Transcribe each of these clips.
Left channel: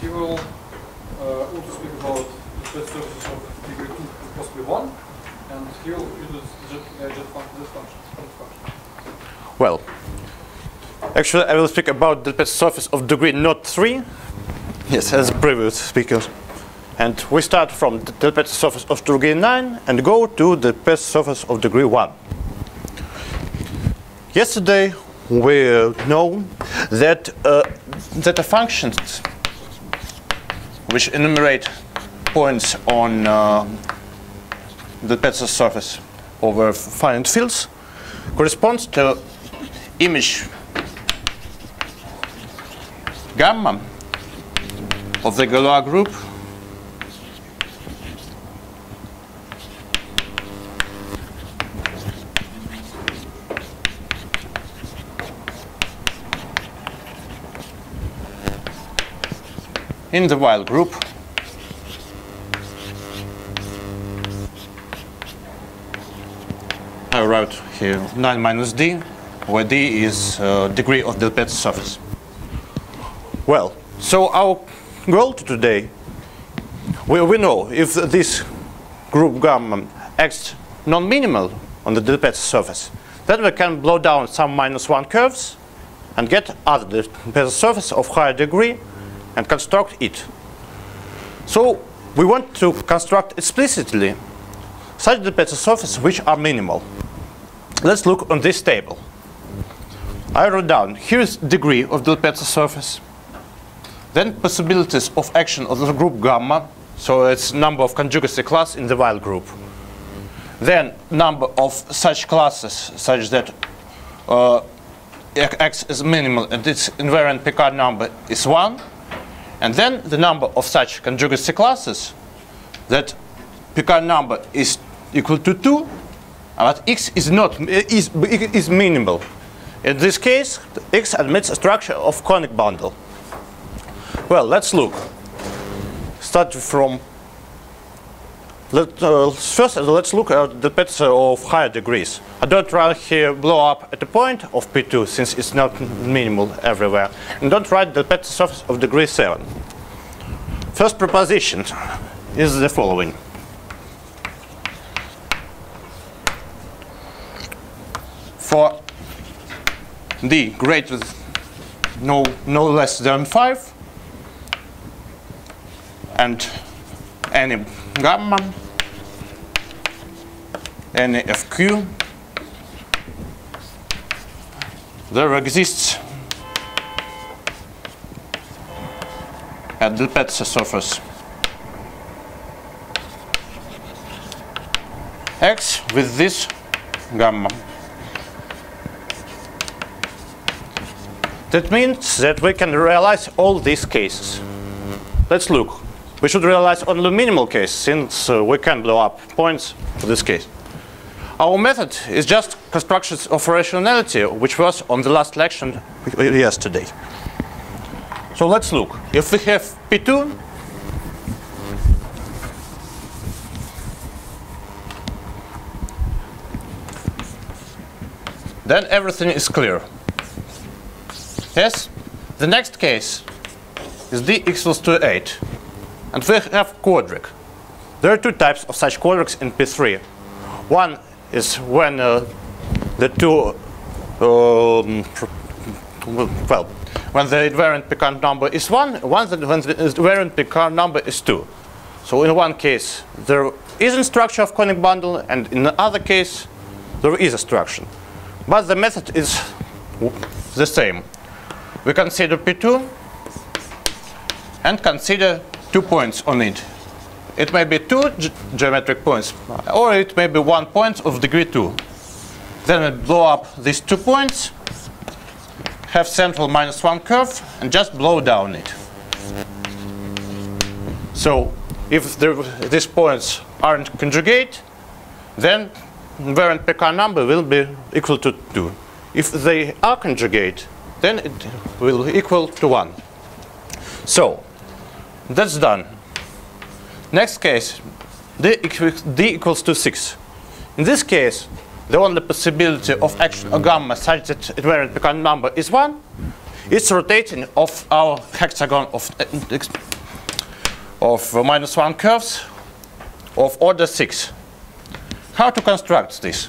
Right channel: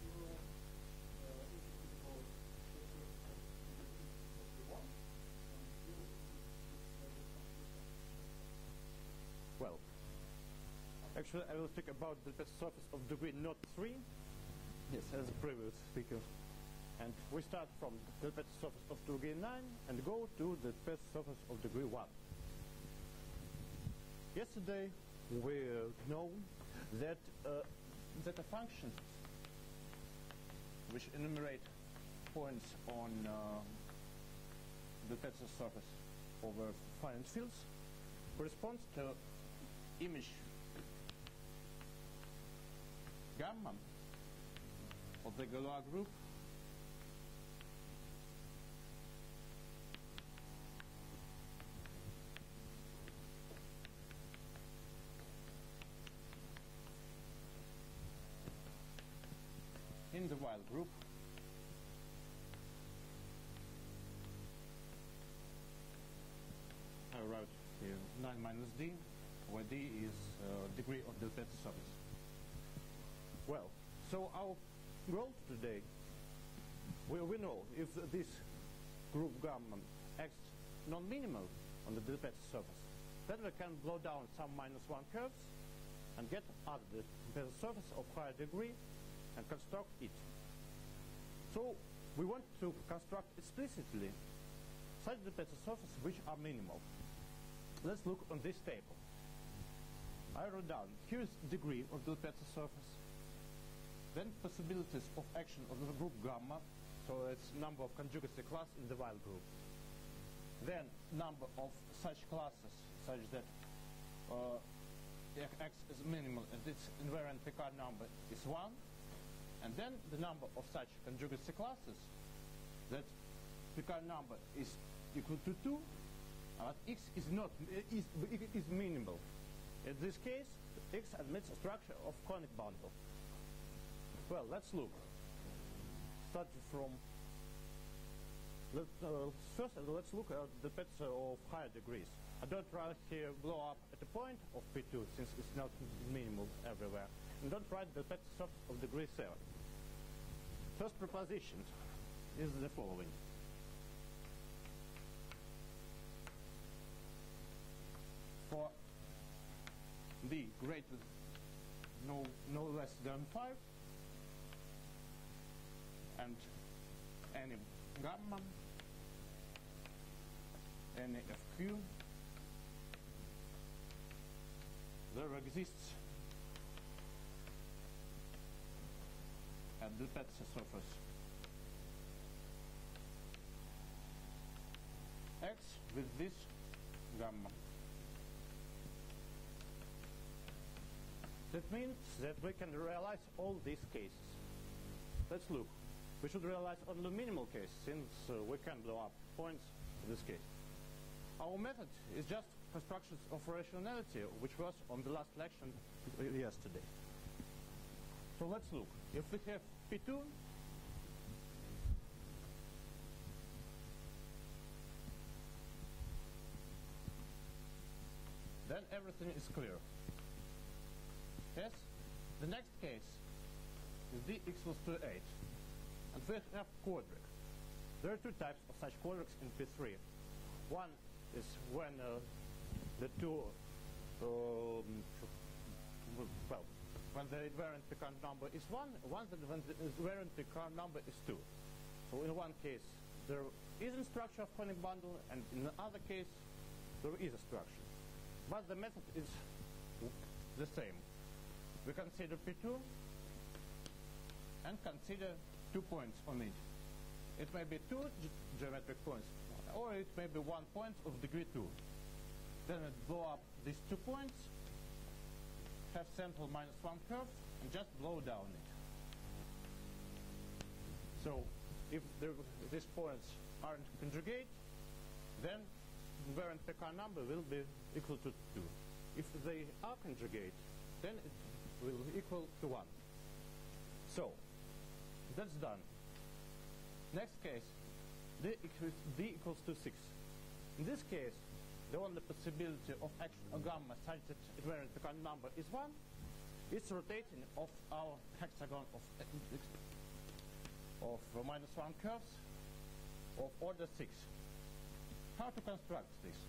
he will also speak about the best surfaces of degree 2, possibly 1, and he will use this function. Well, actually, I will speak about the best surface of degree not 3, yes, as previous speakers. And we start from the best surface of degree 9 and go to the best surface of degree 1. Yesterday, we know that Zeta functions which enumerate points on the Pezzo surface over finite fields corresponds to image gamma of the Galois group in the while group I wrote here 9 minus d, where d is degree of the Pezzo surface. Well, so our goal today, we know if this group gamma acts non-minimal on the Pezzo surface, then we can blow down some -1 curves and get other Pezzo surface of higher degree and construct it. So we want to construct explicitly such the Pezzo surfaces which are minimal. Let's look on this table. I wrote down here is degree of the Pezzo surface, then possibilities of action of the group gamma, so it's number of conjugacy class in the while group, then number of such classes such that X is minimal and its invariant Picard number is 1, and then the number of such conjugacy classes that Picard number is equal to 2, but X is is minimal. In this case, X admits a structure of conic bundle. Well, let's look. Start from first. Let's look at the Pezzo of higher degrees. I don't write here blow up at the point of P2 since it's not minimal everywhere, and don't write the Pezzo surface of degree 7. First proposition is the following. For d greater than no less than 5 and any gamma, any fq, there exists at the Pezzo surface X with this gamma. That means that we can realize all these cases. Let's look. We should realize only minimal case since we can blow up points for this case. Our method is just constructions of rationality, which was on the last lecture yesterday. So let's look. If we have P2, then everything is clear. Yes, the next case is d equals to 8, and we have quadric. There are two types of such quadrics in P3. One is when the two, when the invariant Picard number is 1, when the invariant Picard number is 2. So in one case there isn't structure of conic bundle, and in the other case there is a structure. But the method is the same. We consider P2 and consider 2 points on it. It may be 2 geometric points, or it may be 1 point of degree 2. Then we blow up these 2 points, have central -1 curve, and just blow down it. So if these points aren't conjugate, then invariant Picard number will be equal to 2. If they are conjugate, then it will equal to 1. So that's done. Next case, d equals to 6. In this case, the only possibility of action of gamma such that invariant Picard number is 1 is rotating of our hexagon of -1 curves of order 6. How to construct this?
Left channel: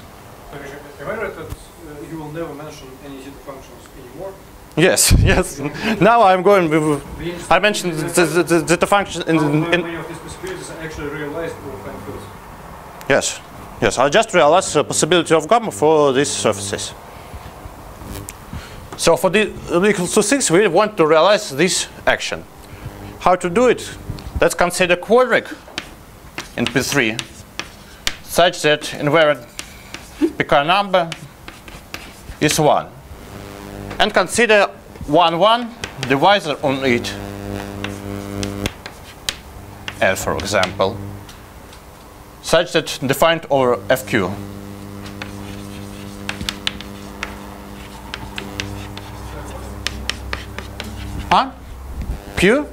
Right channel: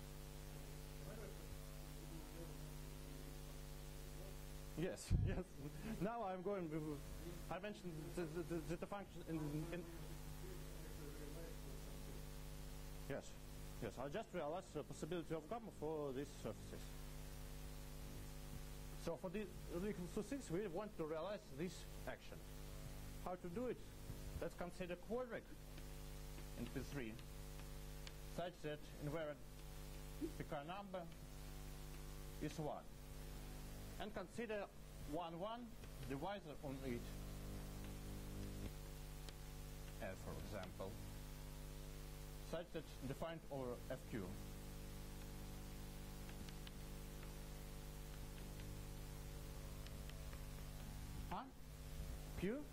Am I right that you will never mention any Zeta functions anymore? Yes, yes. Now I'm going with, I mentioned the Zeta function in many of these possibilities are actually realized or find fields? Yes, yes. I just realized the possibility of gamma for these surfaces. So for the equals to 6, we want to realize this action. How to do it? Let's consider quadric in P3 such that invariant Picard number is 1. And consider 1, 1 divisor on it. L, for example, such that defined over FQ. Huh? Q?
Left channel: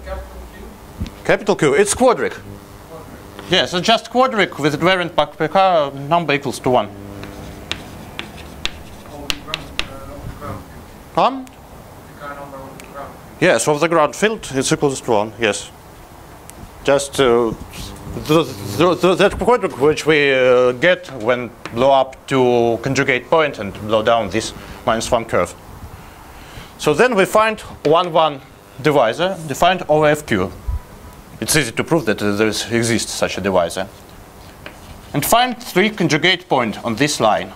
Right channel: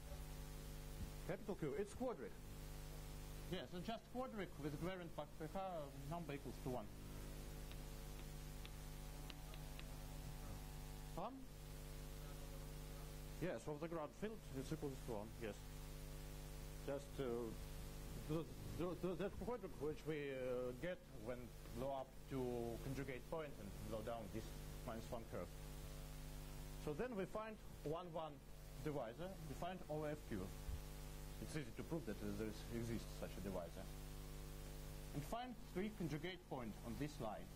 Capital Q. It's quadric. Yes, it's just quadric with invariant Picard number equals to 1. Yes, of the ground field is equals to 1, yes. Just that quadric which we get when blow up to conjugate point and blow down this -1 curve. So then we find 1, 1 divisor defined over FQ. It's easy to prove that there exists such a divisor. And find 3 conjugate point on this line.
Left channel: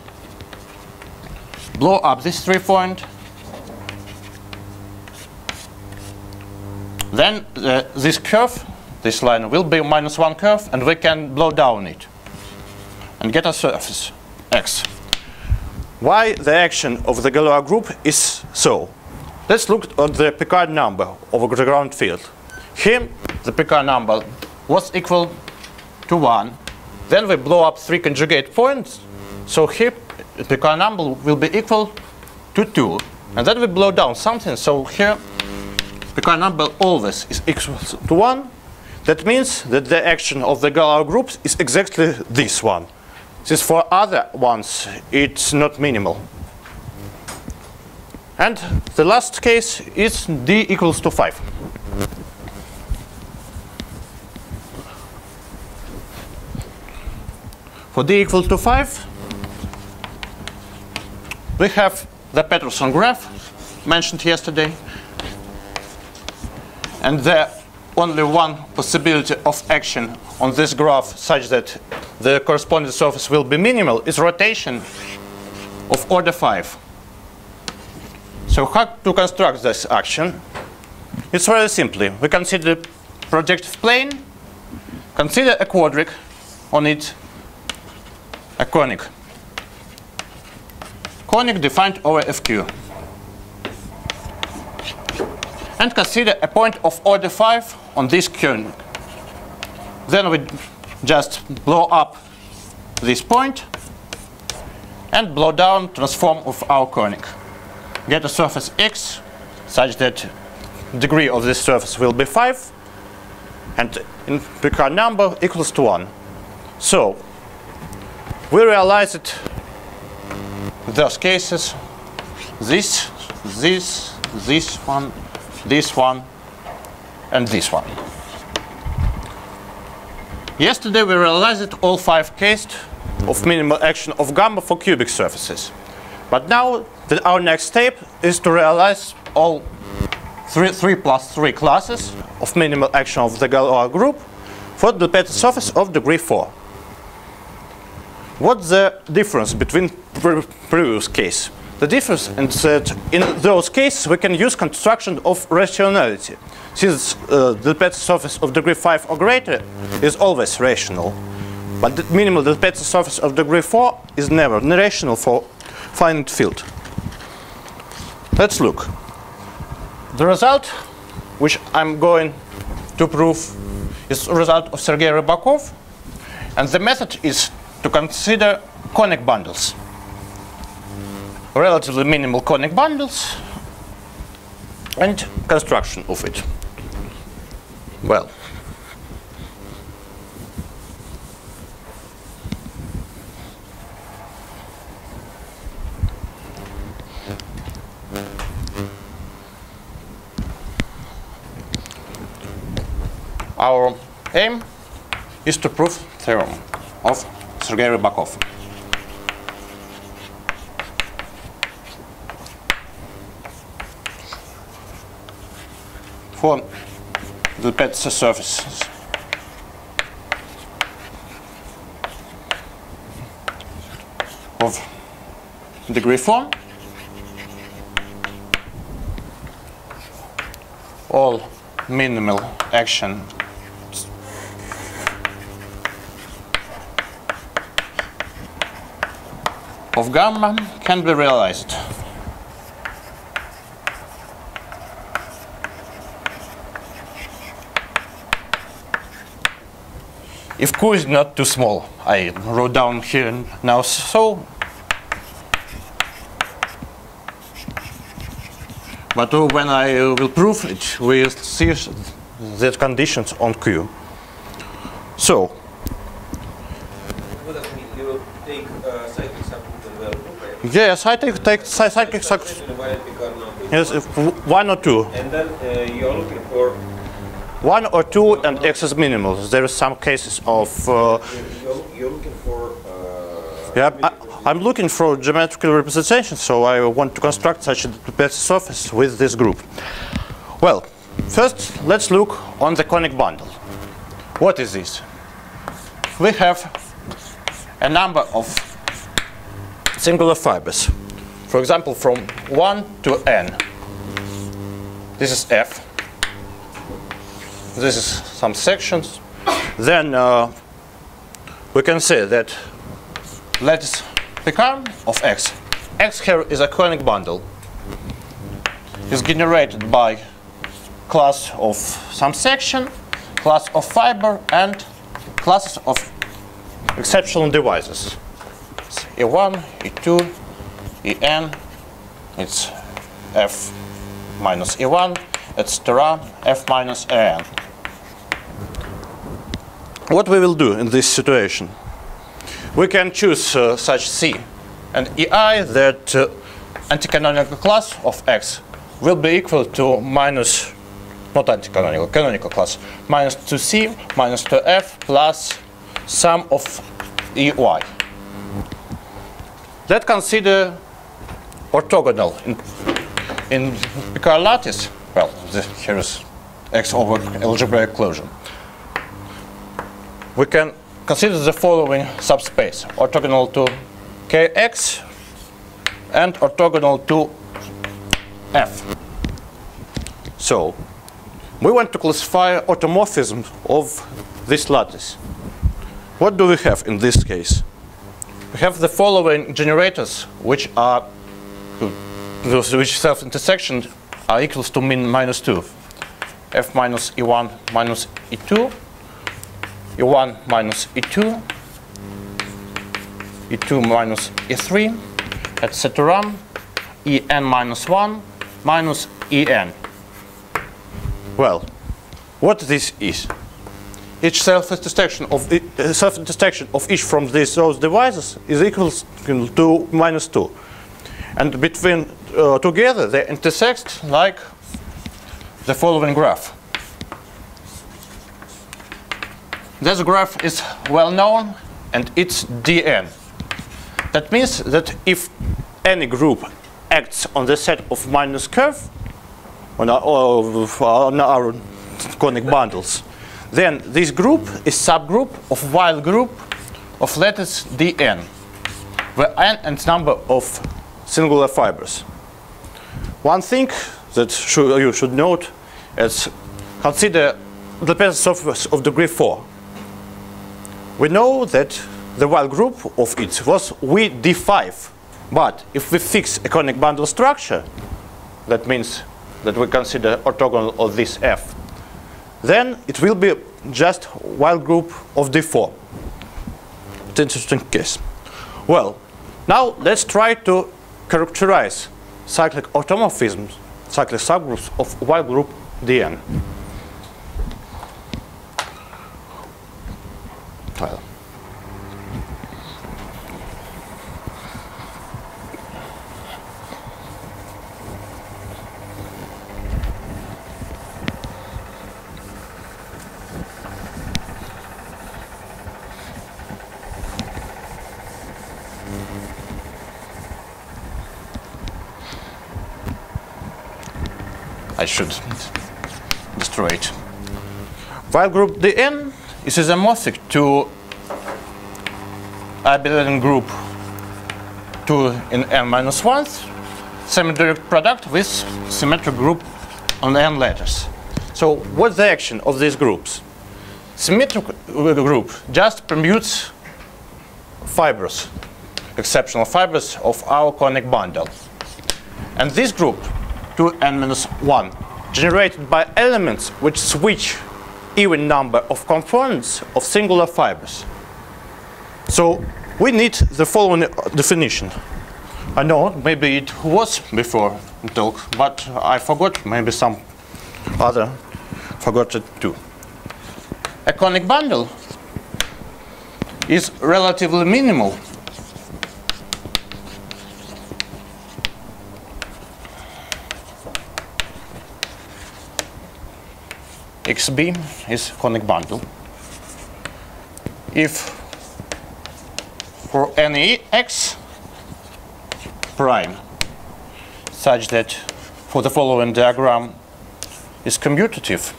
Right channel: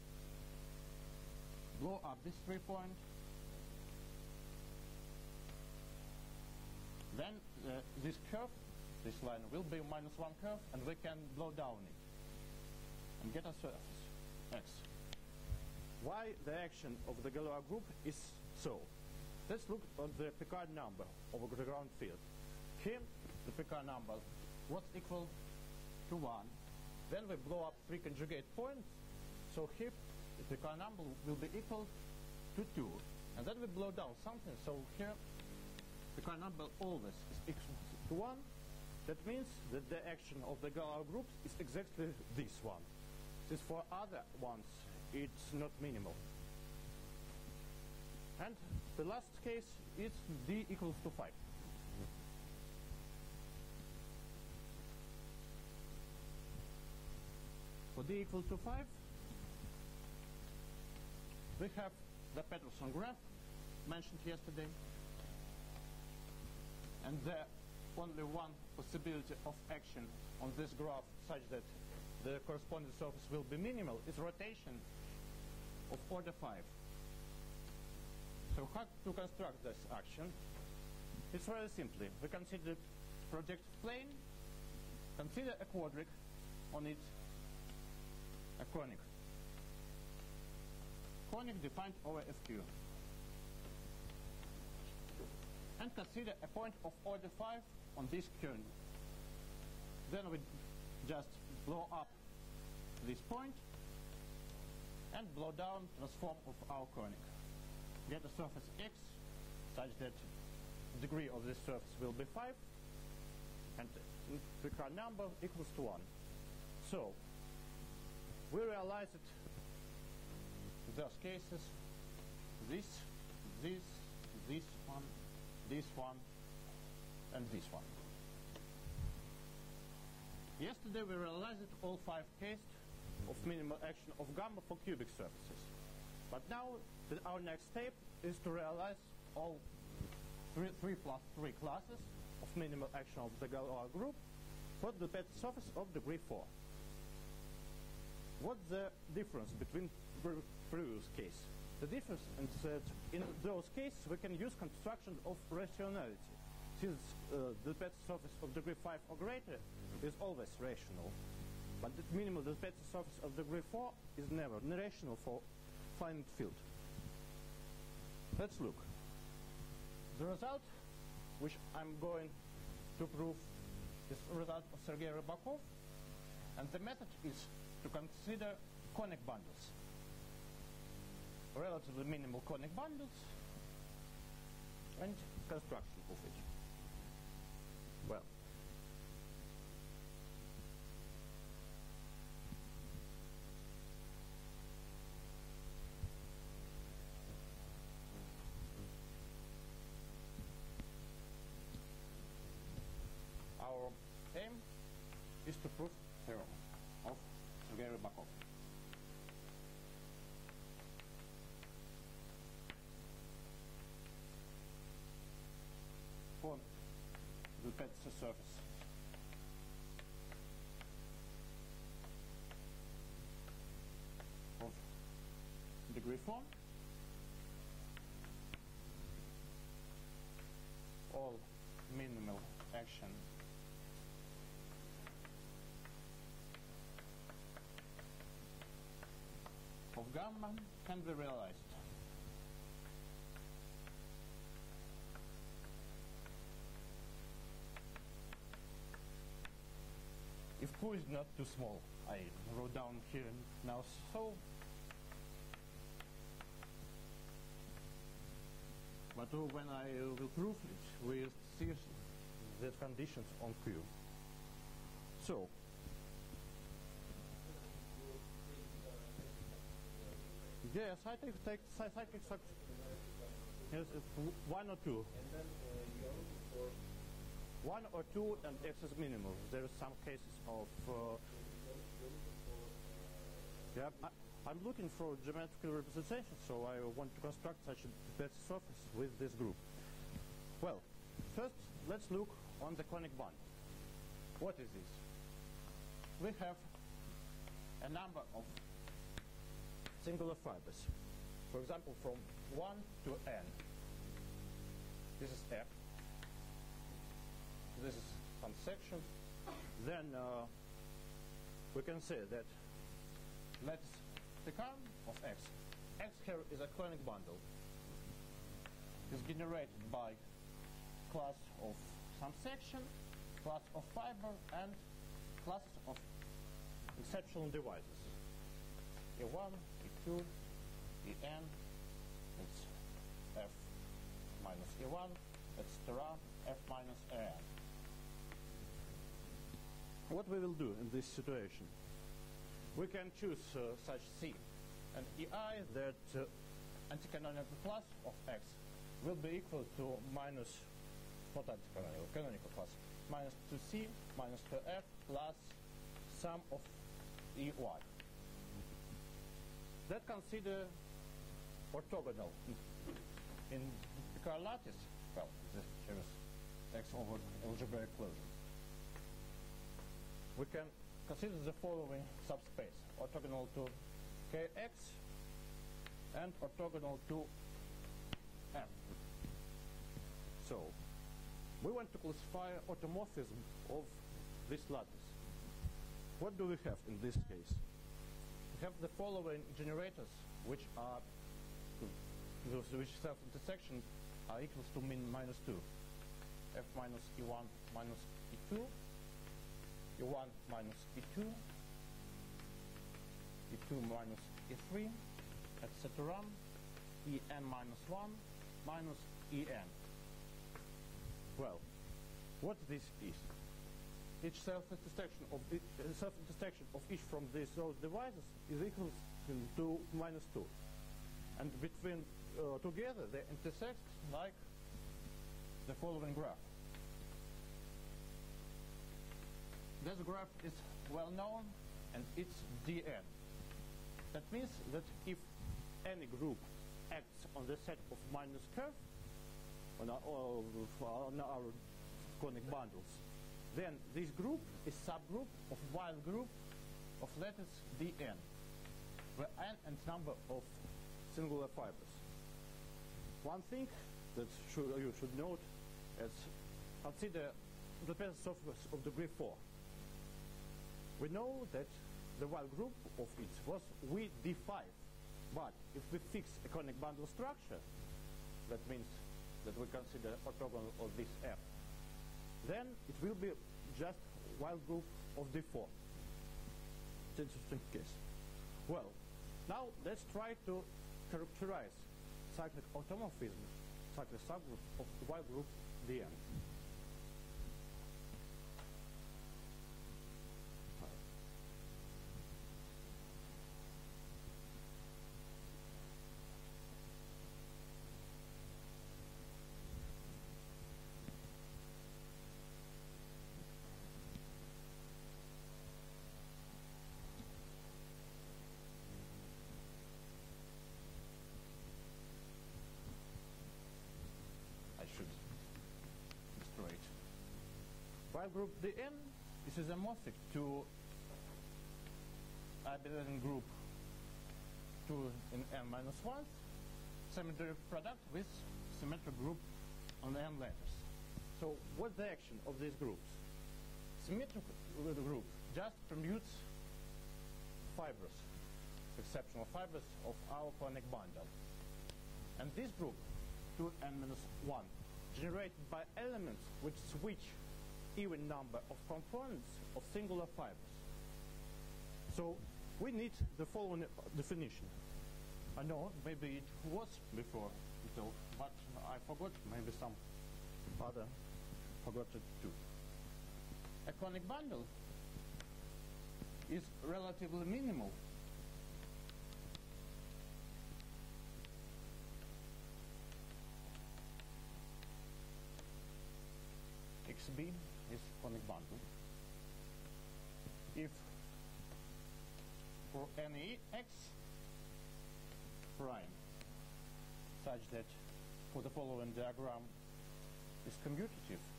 Blow up this 3 point. Then this curve, this line, will be -1 curve, and we can blow down it and get a surface X. Why the action of the Galois group is so? Let's look at the Picard number of the ground field. Here, the Picard number was equal to 1. Then we blow up 3 conjugate points. So here, the Picard number will be equal to 2. And then we blow down something. So here, Picard number always is equal to 1. That means that the action of the Galois groups is exactly this one. Since for other ones, it's not minimal. And the last case is D equals to 5. For D equals to 5, we have the Peterson graph mentioned yesterday. And the only one possibility of action on this graph such that the corresponding surface will be minimal is rotation of order 5. So how to construct this action? It's very simply. We consider projective plane, consider a quadric, on it a conic. Conic defined over FQ. And consider a point of order 5 on this conic. Then we just blow up this point and blow down transform of our conic. Get a surface X such that degree of this surface will be 5 and in Picard number equals to 1. So we realize it those cases, this one, this one, and this one. Yesterday we realized all 5 cases of minimal action of gamma for cubic surfaces. But now our next step is to realize all 3 plus 3 classes of minimal action of the Galois group for the Pezzo surface of degree 4. What's the difference between previous case? The difference is that in those cases we can use construction of rationality, since the Pezzo surface of degree 5 or greater is always rational. But the minimal the Pezzo surface of degree 4 is never rational for finite field. Let's look. The result, which I'm going to prove, is the result of Sergei Rybakov, and the method is to consider conic bundles. Relatively minimal conic bundles and construction of it. Well, our aim is to prove theorem of Sergei Rybakov. For the Pezzo surfaces of degree 4, all minimal action of gamma can be realized. If Q is not too small, I wrote down here now so. But when I will prove it, we'll see the conditions on Q. So, what does it mean? You will take cyclic subgroup and well group, right? yes, I take cyclic subgroup. Yes, one or two. And then you're looking for 1 or 2 and X is minimal. There are some cases of. You're looking for. Yeah, I'm looking for geometrical representation, so I want to construct such a Pezzo surface with this group. Well, first let's look on the conic bundle. What is this? We have a number of singular fibers. For example, from 1 to n. This is F. This is some sections. Then we can say that lattice picard of X. X here is a conic bundle. It's generated by class of some section, class of fiber, and classes of exceptional devices. It's E1, E2, En. It's F minus E1, etc. F minus En. What we will do in this situation? We can choose such C and EI that anticanonical class of X will be equal to minus, not anticanonical, canonical class, minus 2C minus 2F plus sum of EY. Let's consider orthogonal in Picard lattice. Well, here is X over algebraic closure. We can consider the following subspace: orthogonal to Kx and orthogonal to F. So, we want to classify automorphism of this lattice. What do we have in this case? We have the following generators, which are which self-intersection are equals to minus 2. F minus E1 minus E2. E1 minus E2, E2 minus E3, etc. En minus 1 minus En. Well, what this is? Each self-intersection of each from those devices is equal to minus 2. And between together they intersect like the following graph. This graph is well known, and it's Dn. That means that if any group acts on the set of minus curve on our conic bundles, then this group is subgroup of wild group of lattice Dn, where n is number of singular fibers. One thing that you should note is consider the Pezzo surface of degree 4. We know that the wild group of it was D5. But if we fix a conic bundle structure, that means that we consider orthogonal of this F, then it will be just wild group of D4. It's an interesting case. Well, now let's try to characterize cyclic automorphisms, cyclic subgroups of wild group Dn. Well, I should destroy it. While group Dn is isomorphic to abelian group 2 in n-1, semi-direct product with symmetric group on n letters. So what's the action of these groups? Symmetric group just permutes fibers, exceptional fibers of our conic bundle. And this group, 2n-1, generated by elements which switch even number of components of singular fibers. So we need the following definition. I know maybe it was before in talk, but I forgot, maybe some other forgot it too. A conic bundle is relatively minimal XB is conic bundle if for any x prime such that for the following diagram is commutative,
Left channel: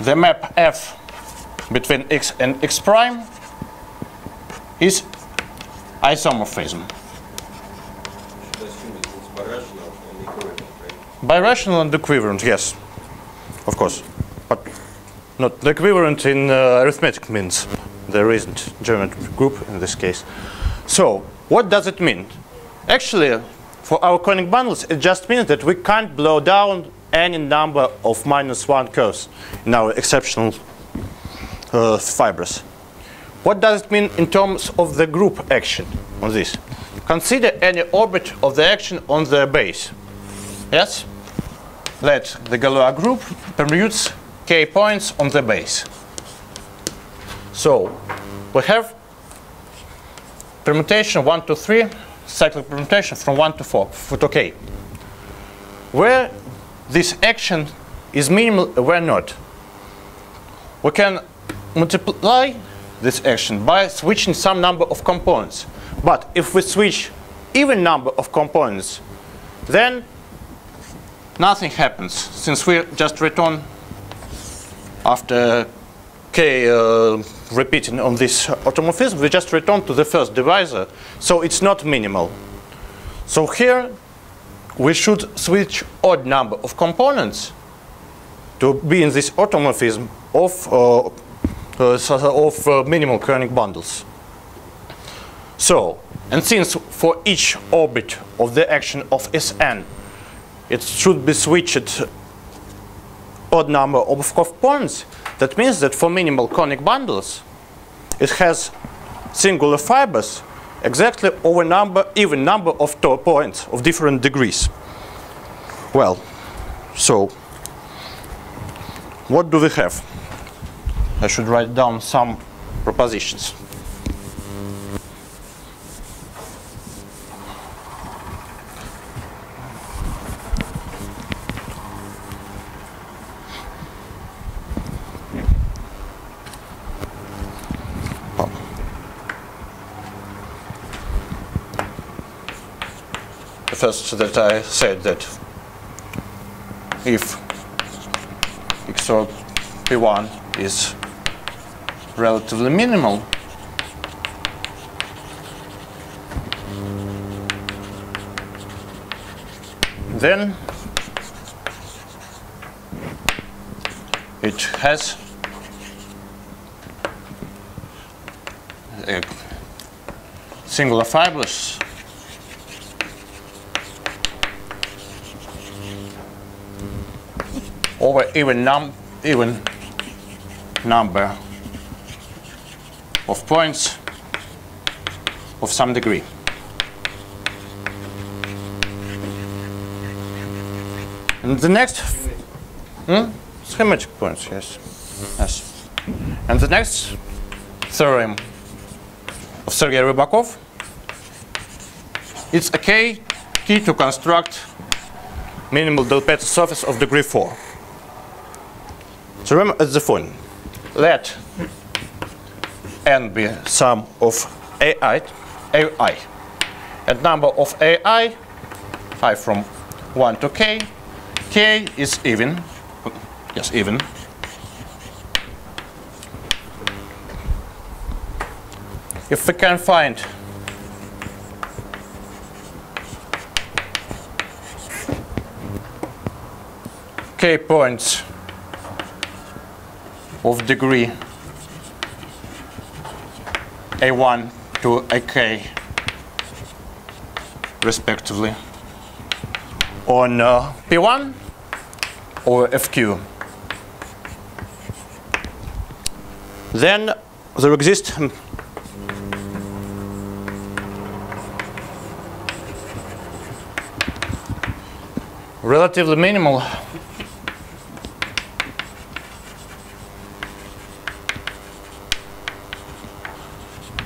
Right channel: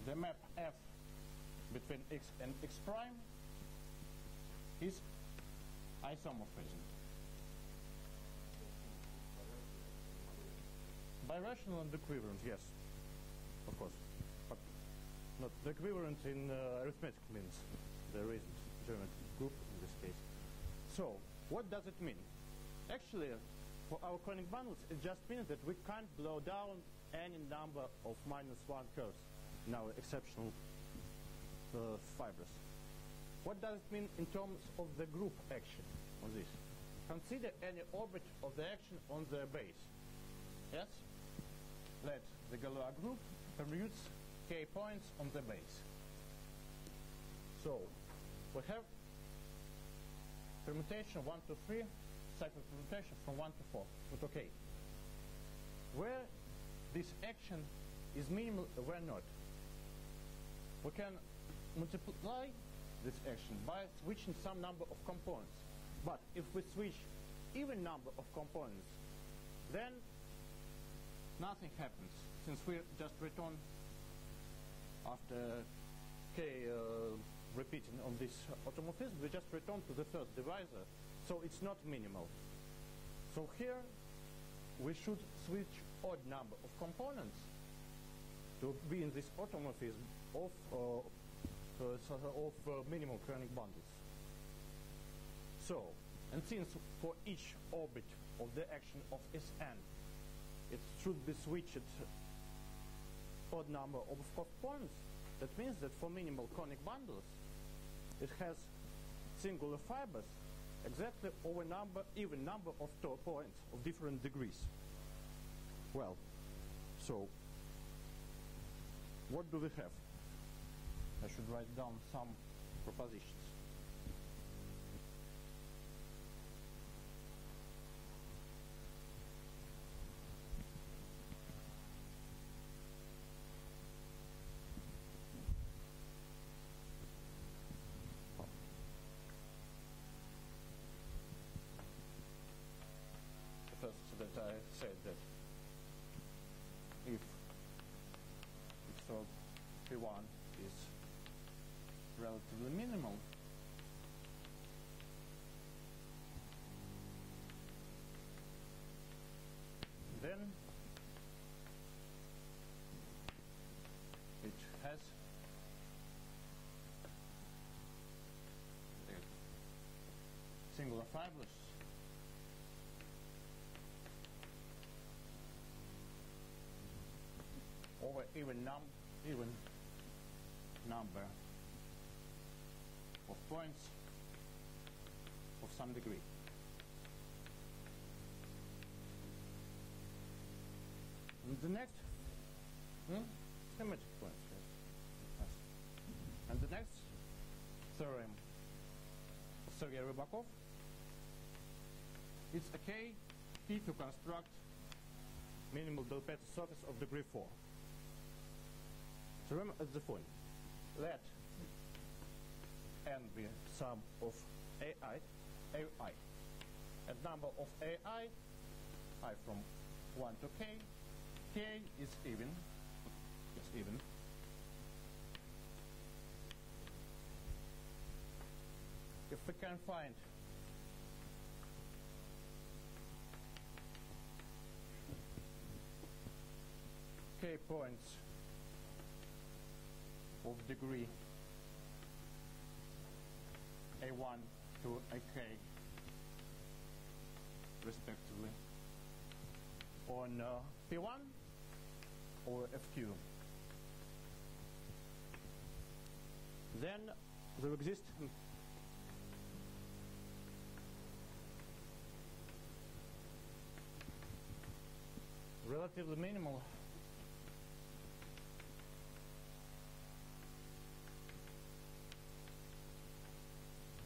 the map F between x and x prime is isomorphism. I assume it's birational and equivalent, right? Birational and equivalent, yes, of course, but not the equivalent in arithmetic means. There isn't geometric group in this case. So what does it mean? Actually, for our conic bundles, it just means that we can't blow down any number of -1 curves in our exceptional fibers. What does it mean in terms of the group action on this? Consider any orbit of the action on the base. Yes? Let the Galois group permutes k points on the base. So we have permutation 1 to 3, cyclic permutation from 1 to 4 to k. Where this action is minimal, where not? We can multiply this action by switching some number of components. But if we switch even number of components, then nothing happens, since we just return after k repeating on this automorphism, we just return to the first divisor, so it's not minimal. So here we should switch odd number of components to be in this automorphism of minimal conic bundles. So, and since for each orbit of the action of Sn, it should be switched odd number of components, that means that for minimal conic bundles, it has singular fibers exactly over even number of points of different degrees. Well, so what do we have? I should write down some propositions. First, that I said that if XOR P1 is relatively minimal, then it has a singular fibers over even number of points of some degree. And the next schematic points, yes. And the next theorem of Sergei Rybakov, it's a key to construct minimal Del Pezzo surface of degree 4. So remember as the following. Let n be sum of ai, and number of ai, I from 1 to k is even, yes, even. If we can find k points of degree a1 to ak respectively on P1 or FQ, then there exists relatively minimal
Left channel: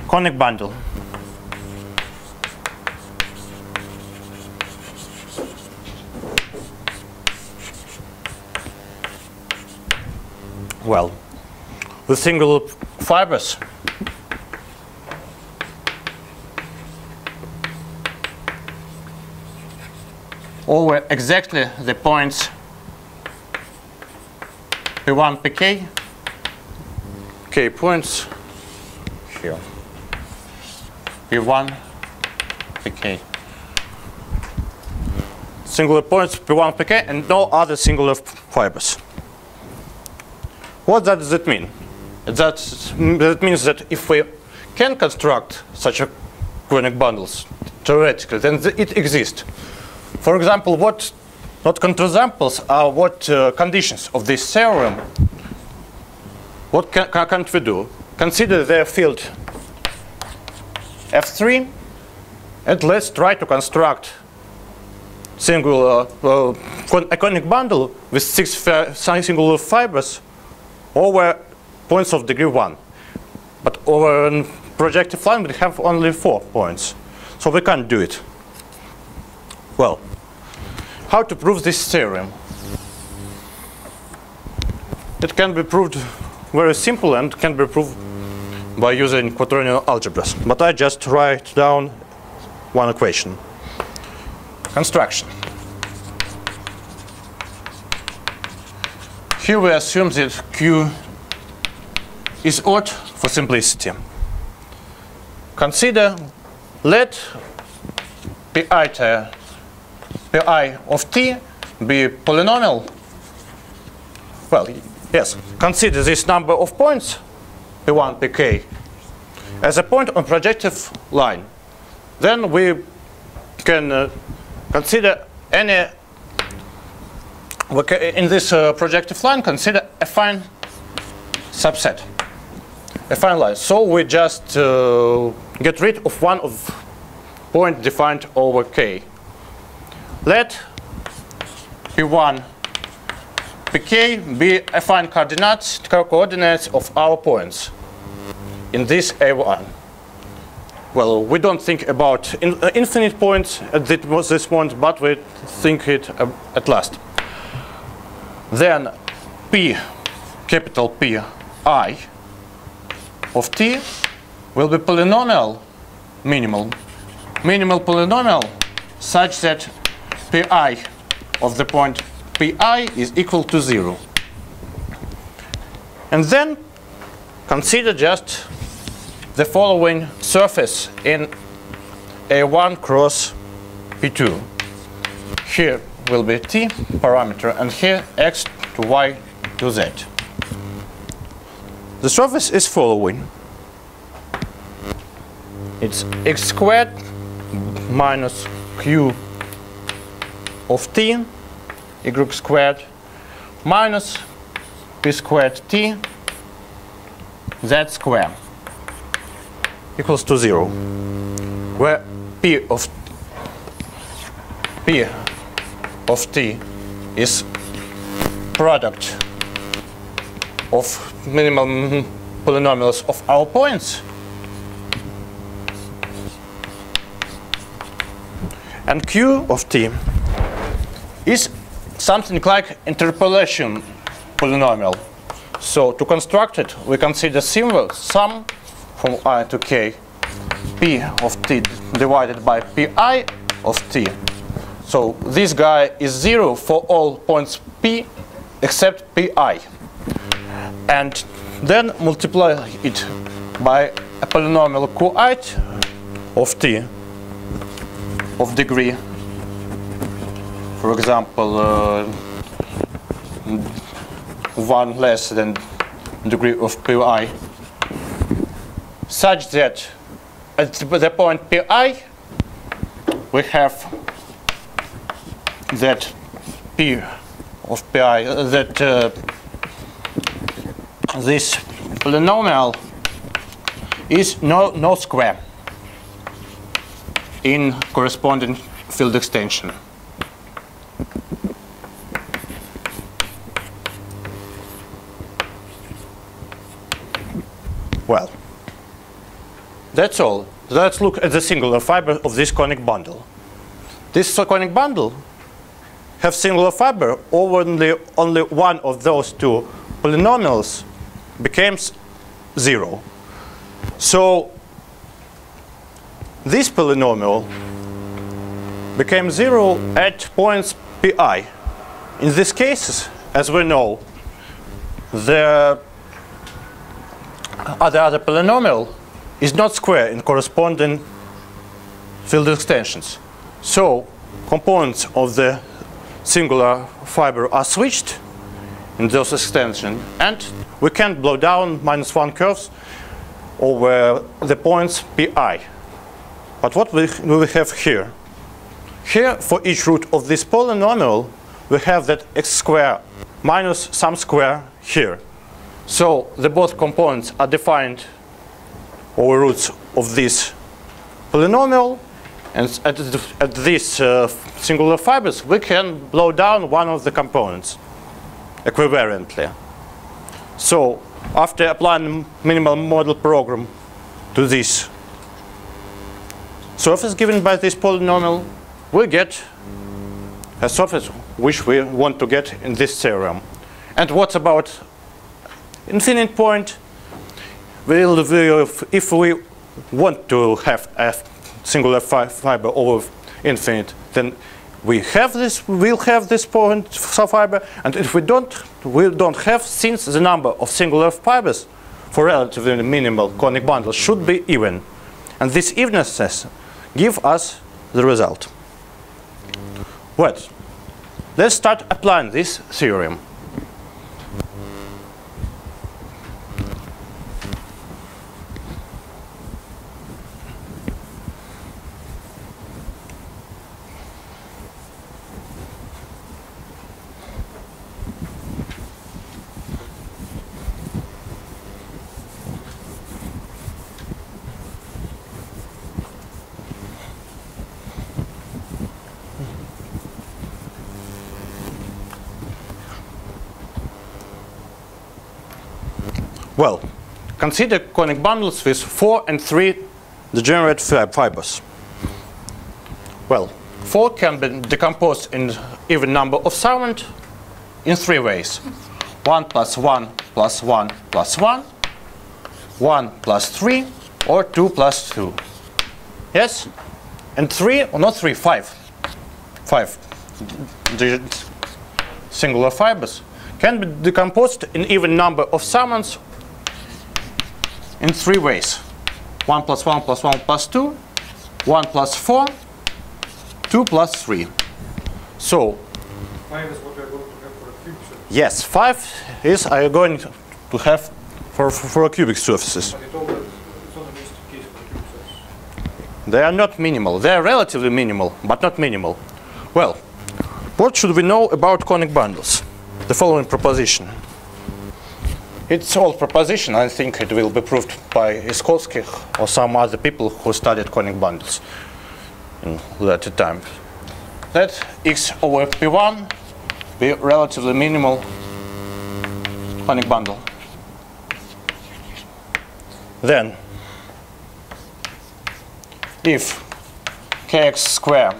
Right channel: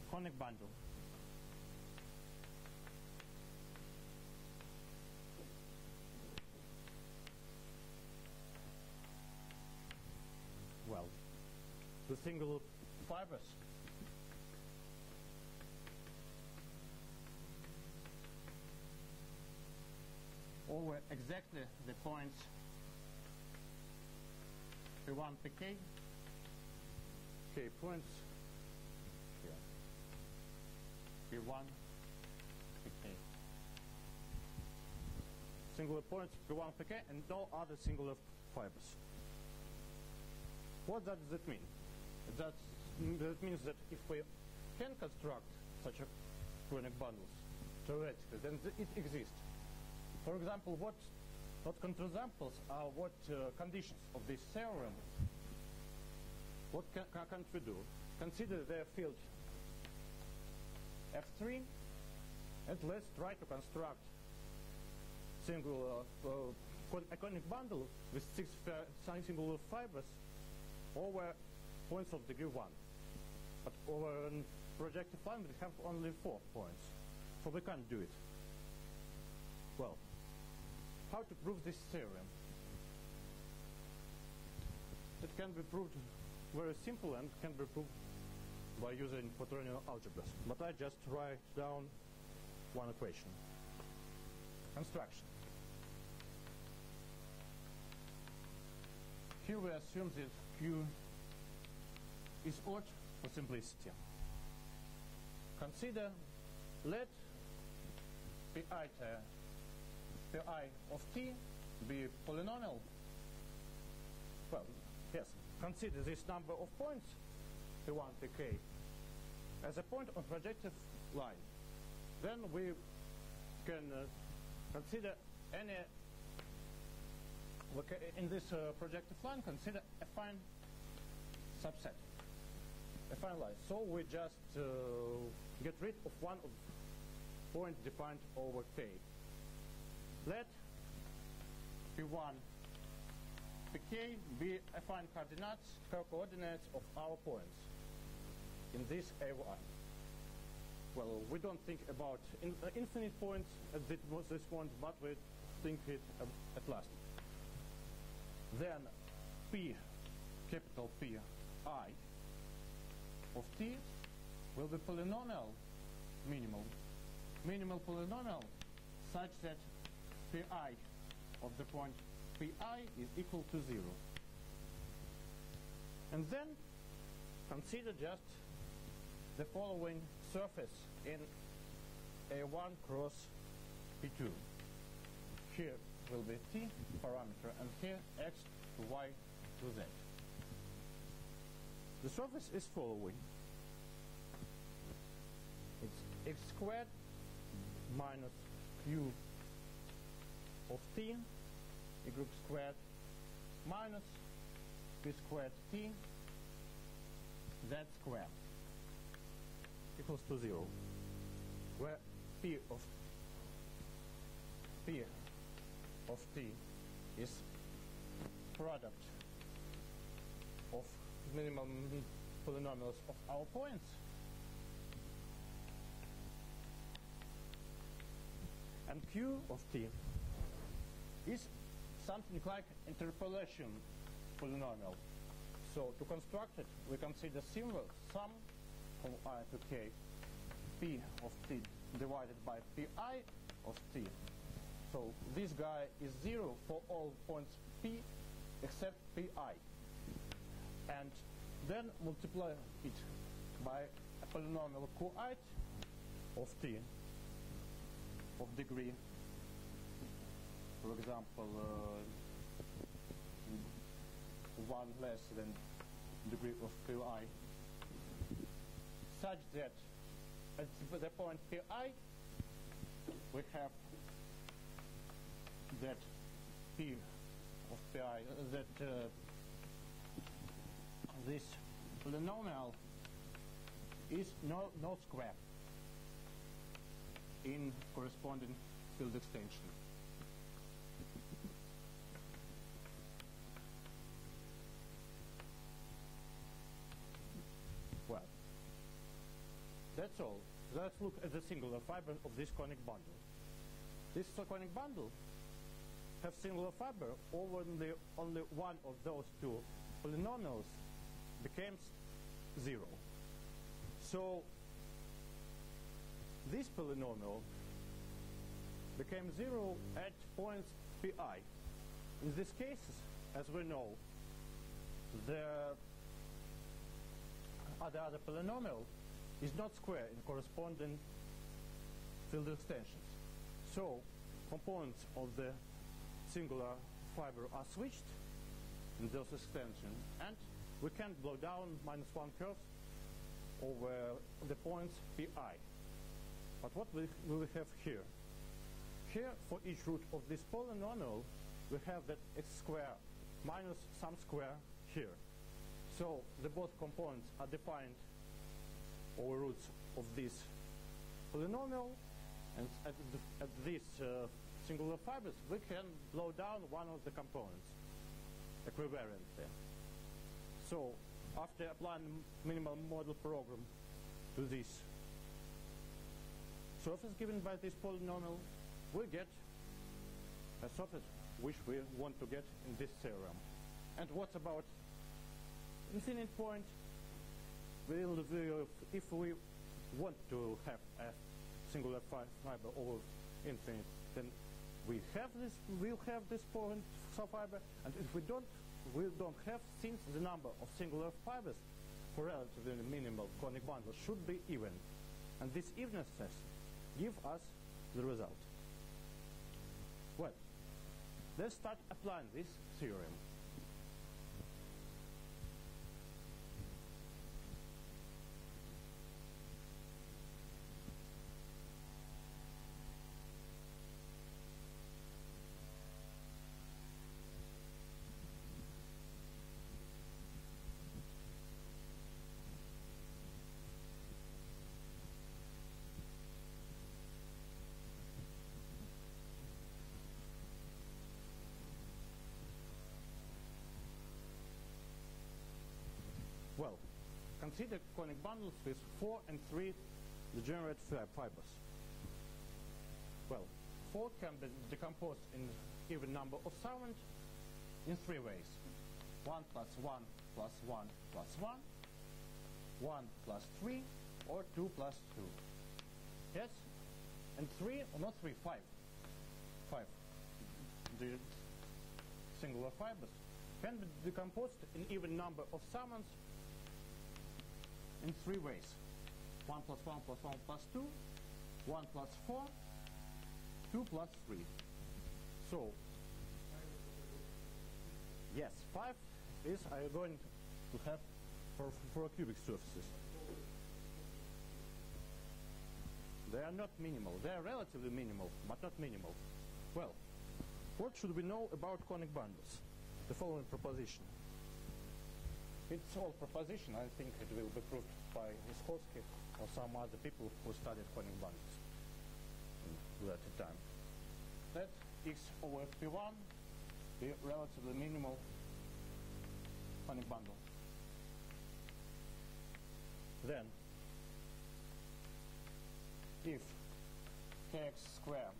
conic bundle. Well, with single fibers, over exactly the points P1, Pk, k points here, P1, Pk. Singular points P1, Pk, and no other singular fibers. What does that mean? That means that if we can construct such a conic bundles theoretically, then it exists. For example, what not counterexamples are what conditions of this theorem. What can't we do? Consider their field F3, and let's try to construct singular a conic bundle with 6 singular fibers over points of degree 1. But over a projective line we have only 4 points. So we can't do it. Well, how to prove this theorem? It can be proved very simple and can be proved by using quaternion algebras. But I just write down one equation. Construction. Here we assume that Q is odd for simplicity. Consider, let pi of t be polynomial. Well, yes, consider this number of points, P1, Pk, as a point on projective line. Then we can consider any, in this projective line, consider affine subset, affine line. So we just get rid of one of point defined over k. Let P1, Pk be affine coordinates of our points in this A1. Well, we don't think about infinite points at this point, but we think it at last. Then P, capital P, I of t will be polynomial, minimal polynomial, such that Pi of the point Pi is equal to 0. And then consider just the following surface in A1 cross P2. Here will be t parameter, and here x to y to z. The surface is following. It's x squared minus q of t, y squared minus p squared t, z squared equals to 0, where p of t is product of minimal polynomials of our points, and q of t is something like interpolation polynomial. So to construct it, we consider simple sum from I to k, p of t divided by pi of t. So this guy is 0 for all points p except pi. And then multiply it by a polynomial qi of t of degree, for example, 1 less than degree of pi, such that at the point pi we have that p of pi, that this polynomial is no square in corresponding field extension. Well, that's all. Let's look at the singular fiber of this conic bundle. This conic bundle has singular fiber only one of those two polynomials becomes 0. So this polynomial became 0 at points pi. In these cases, as we know, the other polynomial is not square in corresponding field extensions. So components of the singular fiber are switched in those extensions, and we can blow down -1 curves over the points pi. But what we have here? Here, for each root of this polynomial, we have that x square minus some square here. So the both components are defined over roots of this polynomial, and at these singular fibers, we can blow down one of the components equivariantly. So after applying minimal model program to this surface given by this polynomial, we get a surface which we want to get in this theorem. And what about infinite point? If we want to have a singular fiber over infinite, then we'll have this point fiber, and if we don't have, since the number of singular fibers for relatively minimal conic bundles should be even, and this evenness give us the result. Well, let's start applying this theorem. Well, consider conic bundles with 4 and 3 degenerate fibers. Well, 4 can be decomposed in even number of segments in 3 ways. 1 plus 1 plus 1 plus 1, 1 plus 3, or 2 plus 2. Yes? And 3, or not 3, 5. 5 singular fibers can be decomposed in even number of segments in 3 ways. 1 plus 1 plus 1 plus 2, 1 plus 4, 2 plus 3. So 5 is what we are going to have for a cube surface. yes, 5 is I am going to have for a cubic surfaces. But it's only the case for a cube surface. They are not minimal. They are relatively minimal, but not minimal. Well, what should we know about conic bundles? The following proposition. It's old proposition. I think it will be proved by Iskolsky or some other people who studied conic bundles in later time. Let x over p1 be relatively minimal conic bundle. Then, if kx square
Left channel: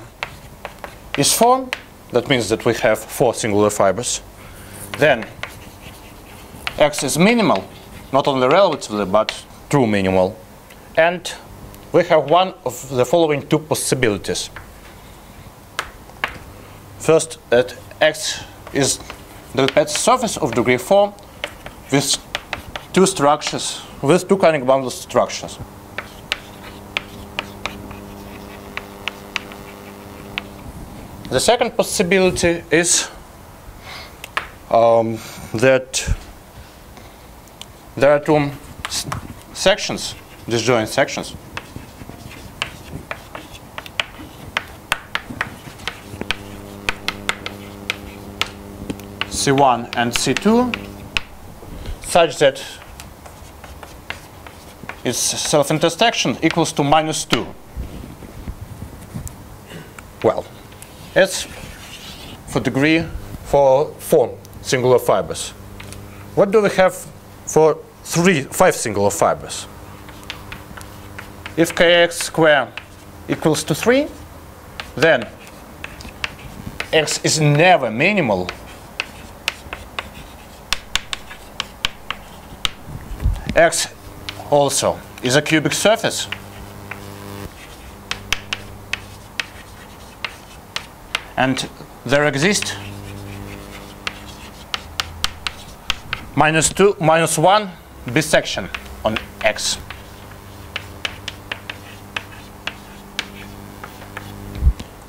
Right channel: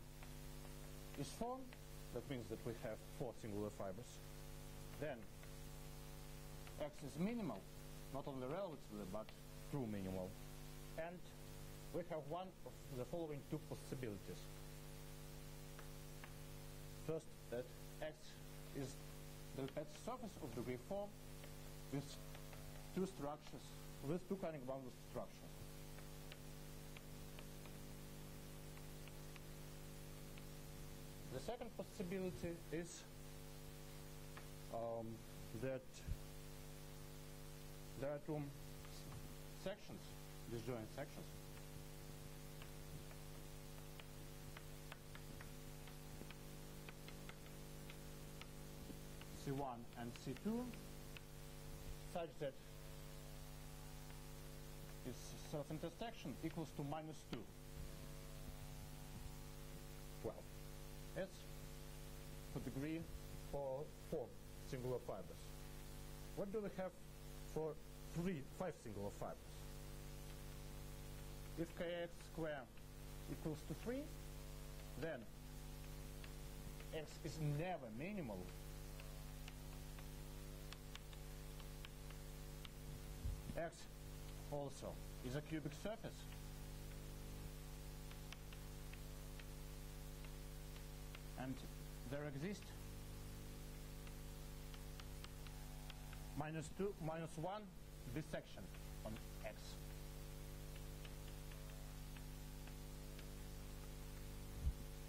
is 4, that means that we have 4 singular fibers. Then X is minimal, not only relatively, but true minimal. And we have one of the following two possibilities. First, that X is the Pezzo surface of degree 4 with two structures, with two conic bundle structures. The second possibility is that there are two sections, disjoint sections. C1 and C2 such that its self-intersection equals to -2. Well, it's for degree for 4 singular fibers. What do we have for 5 singular fibers? If kx squared equals to 3, then x is never minimal. X also is a cubic surface. And there exists -1 bisection on X.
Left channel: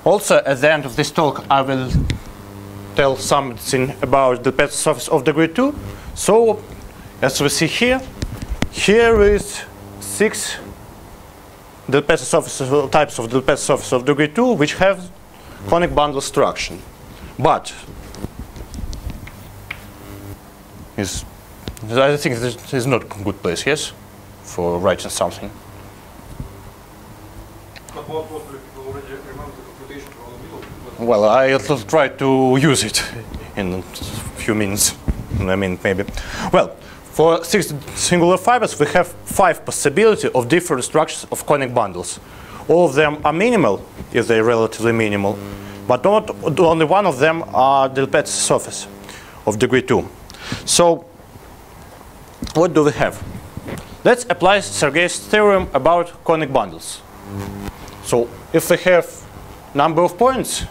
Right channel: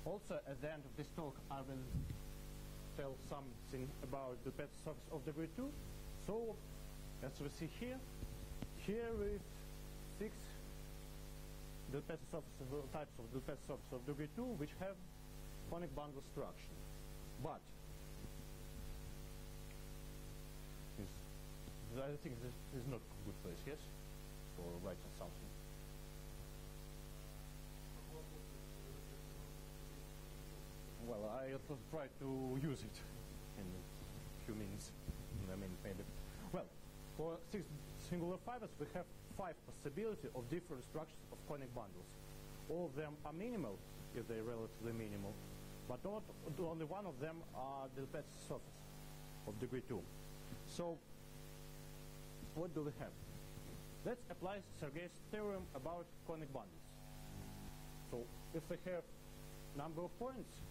Also, at the end of this talk, I will tell something about the Pezzo surface of degree 2. So, as we see here, here is 6 del Pezzo surface types of del Pezzo surface of degree 2, which have conic bundle structure. But I think this is not a good place, yes, for writing something. But what was the people already remember the computation for the middle? Well, I'll try to use it in a few minutes. I mean, maybe. Well, for 6 singular fibers, we have 5 possibilities of different structures of conic bundles. All of them are minimal, if they're relatively minimal, but not only one of them are the Pezzo surface of degree 2. So, what do we have? Let's apply Sergei's theorem about conic bundles. So, if we have number of points,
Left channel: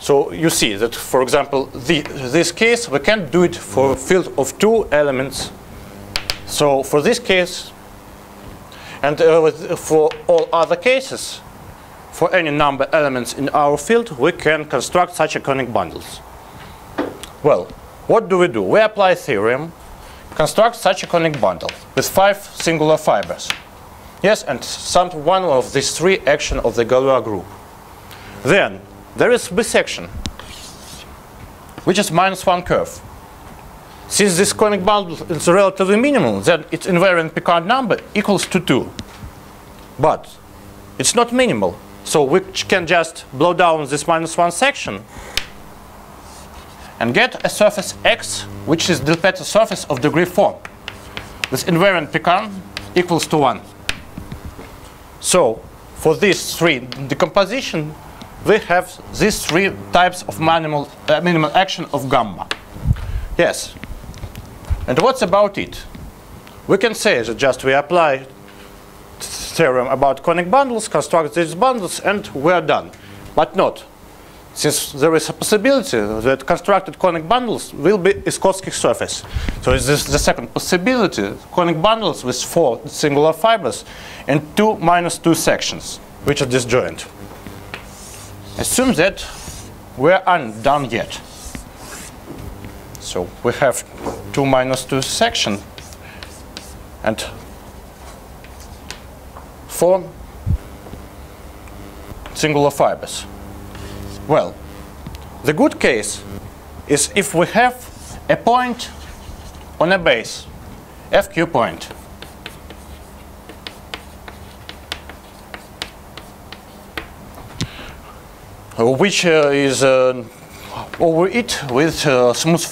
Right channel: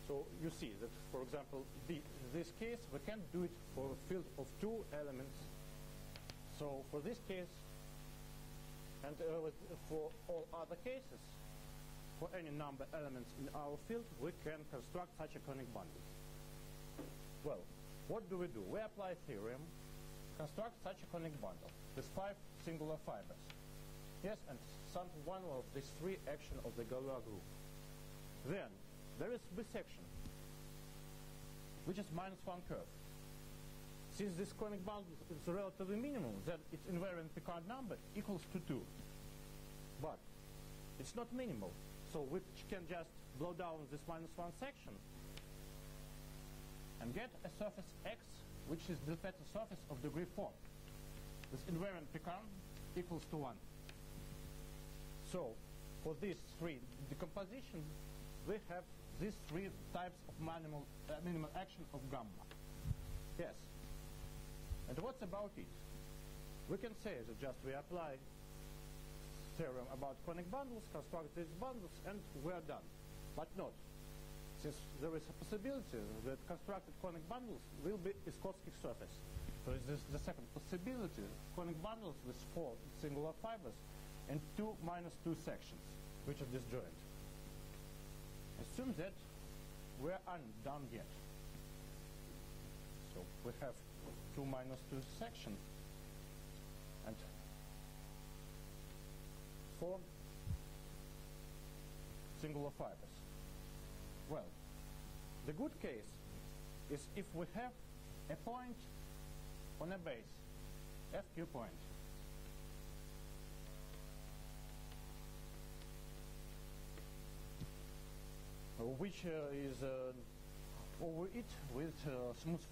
so you see that, for example, this case, we can't do it for a field of 2 elements. So for this case, and for all other cases, for any number of elements in our field, we can construct such a conic bundles. Well, what do? We apply theorem, construct such a conic bundle with 5 singular fibers. Yes, and one of these 3 actions of the Galois group. Then there is bisection, which is -1 curve. Since this conic bundle is relatively minimal, then its invariant Picard number equals to 2. But it's not minimal, so we can just blow down this -1 section and get a surface X, which is the Pezzo surface of degree 4, with invariant Picard equals to 1. So for these 3 decomposition, we have these 3 types of minimal action of gamma. Yes. And what's about it? We can say that just we apply theorem about conic bundles, construct these bundles, and we are done. But not. Since there is a possibility that constructed conic bundles will be a Skotsky surface. So this is the second possibility, conic bundles with 4 singular fibers and 2 -2 sections, which are disjoint. Assume that we aren't done yet. So we have 2 -2 section and 4 singular fibers. Well, the good case is if we have a point on a base, FQ point. Which is over it with smooth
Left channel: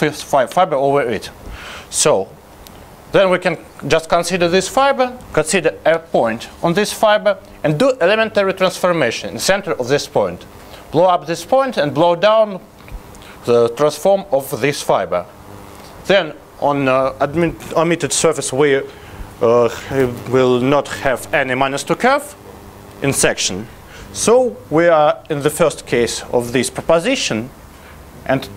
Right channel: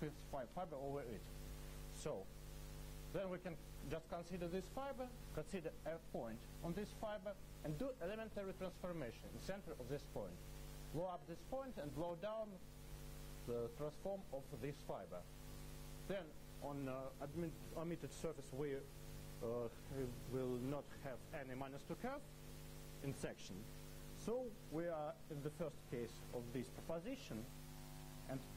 fiber over it. So then we can just consider this fiber, consider a point on this fiber, and do elementary transformation in the center of this point. Blow up this point and blow down the transform of this fiber. Then on omitted surface we will not have any -2 curve in section. So we are in the first case of this proposition, and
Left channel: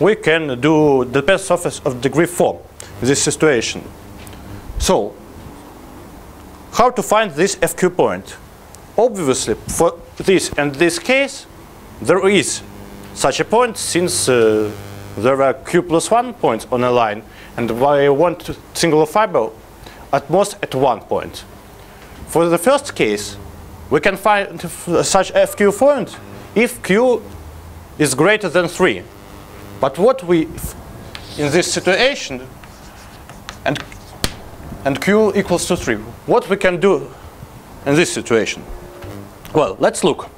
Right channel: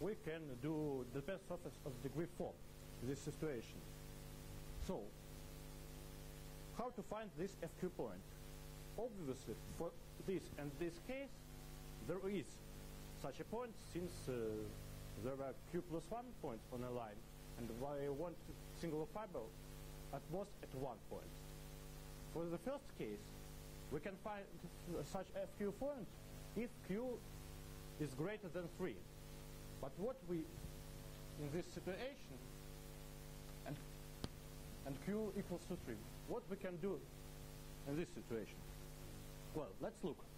we can do the Pezzo surface of degree 4 in this situation. So how to find this FQ point? Obviously, for this and this case, there is such a point, since there are Q+1 points on a line, and I want singular fiber at most at 1 point. For the first case, we can find such FQ point if Q is greater than 3. But what we, in this situation, and Q equals to 3, what we can do in this situation? Well, let's look.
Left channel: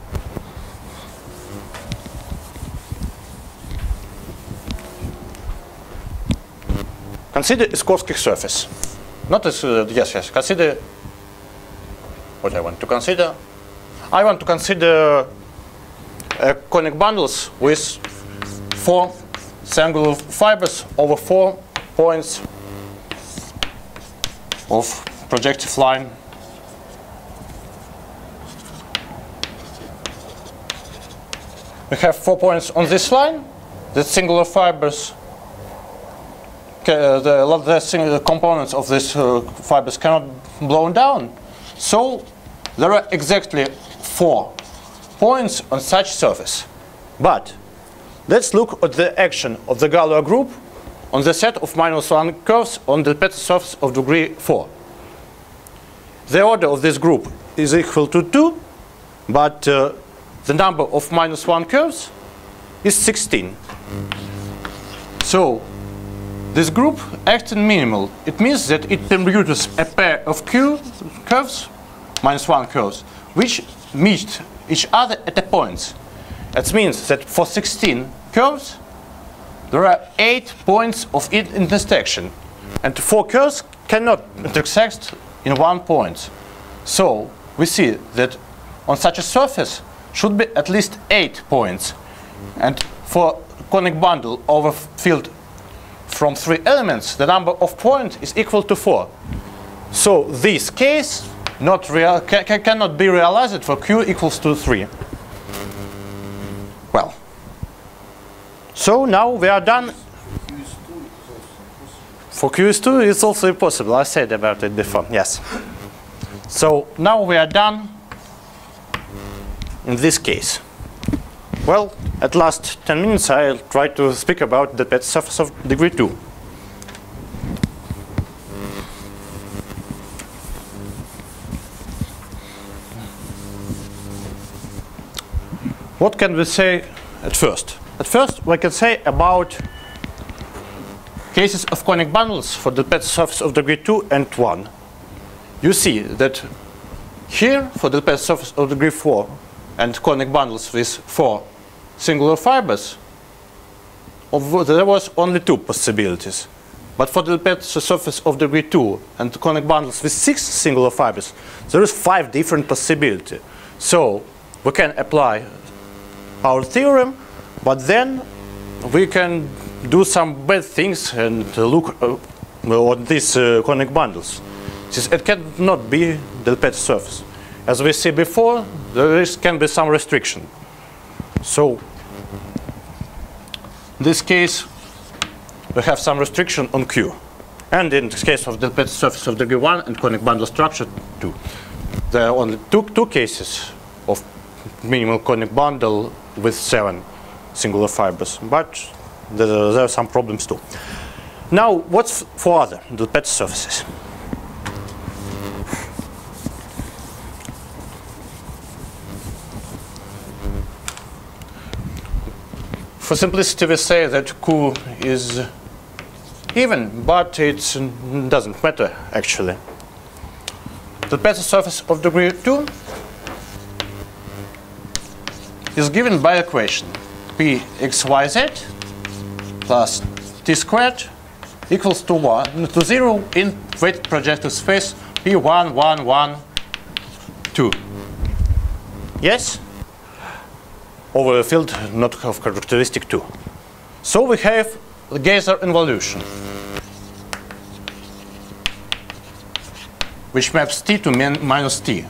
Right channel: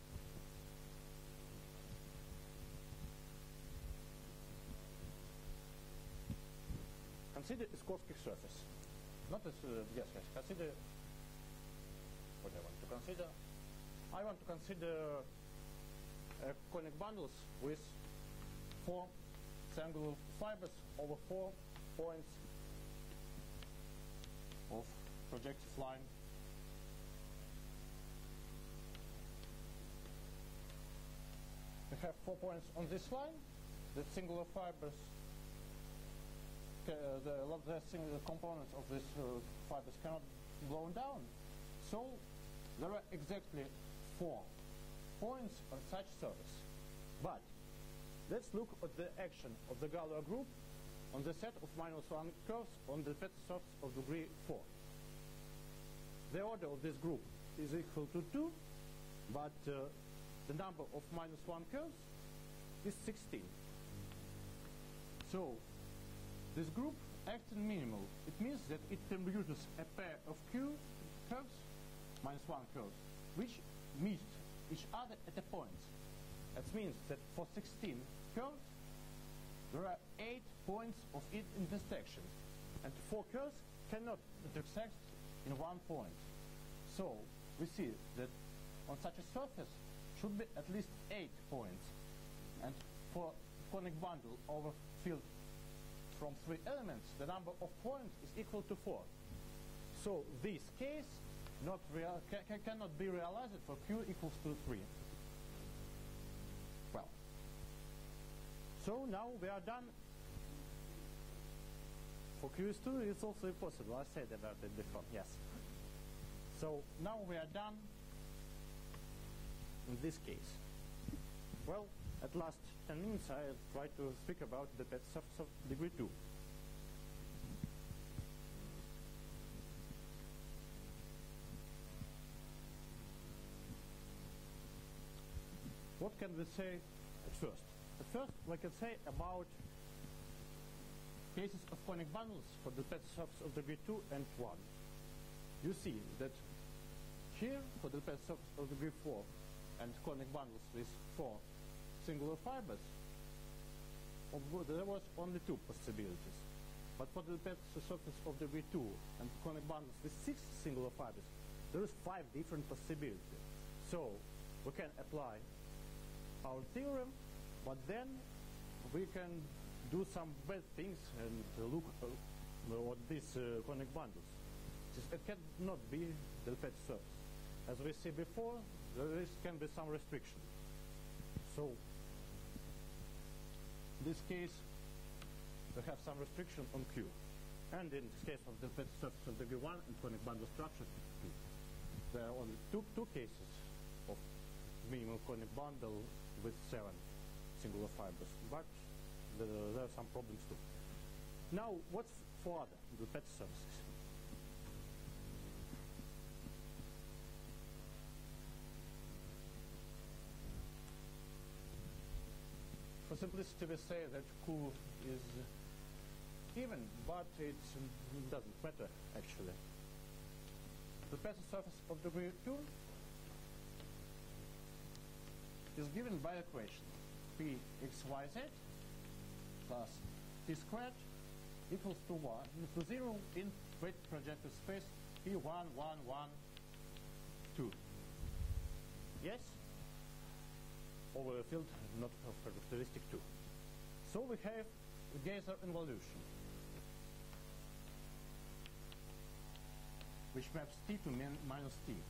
Consider a Skorsky surface. Not as, yes, consider what I want to consider. I want to consider conic bundles with 4 singular fibers over 4 points of projective line. We have 4 points on this line. The singular fibers, the components of these fibers cannot be blown down. So there are exactly 4 points on such surface. But let's look at the action of the Galois group on the set of -1 curves on the Pezzo surface of degree 4. The order of this group is equal to 2, but the number of -1 curves is 16. So this group acts in minimal. It means that it permutes a pair of Q curves, -1 curves, which meet each other at a point. That means that for 16 curves, there are 8 points of intersection, and 4 curves cannot intersect in 1 point. So we see that on such a surface should be at least 8 points, and for conic bundle over field from 3 elements, the number of points is equal to 4. So this case cannot be realized for Q equals to 3. Well, so now we are done. For Q is 2, it's also impossible. I said about it before, yes. So now we are done in this case. Well, at last 10 minutes, I'll try to speak about the Pezzo surface of degree 2. What can we say at first? At first, we can say about cases of conic bundles for the Pezzo surface of degree 2 and 1. You see that here, for the Pezzo surface of degree 4 and conic bundles with 4 singular fibers, there was only 2 possibilities. But for the Pezzo surface of degree 2 and conic bundles with 6 singular fibers, there is 5 different possibilities. So we can apply our theorem, but then we can do some bad things and look on these conic bundles. It cannot be the Pezzo surface. As we see before, there can be some restriction. So in this case, we have some restriction on Q. And in the case of the Pezzo surface of degree 1 and conic bundle structure 2, there are only two cases of minimal conic bundle with 7 singular fibers. But there are some problems too. Now, what's for other the Pezzo surfaces? For simplicity, we say that Q is even, but it doesn't matter actually. The Pezzo surface of degree 2 is given by equation Pxyz plus t squared equals to 0 in weighted projective space P1, 1, 1, 2. Yes? Over a field not of characteristic 2. So we have the Geyser involution. which maps t to minus t.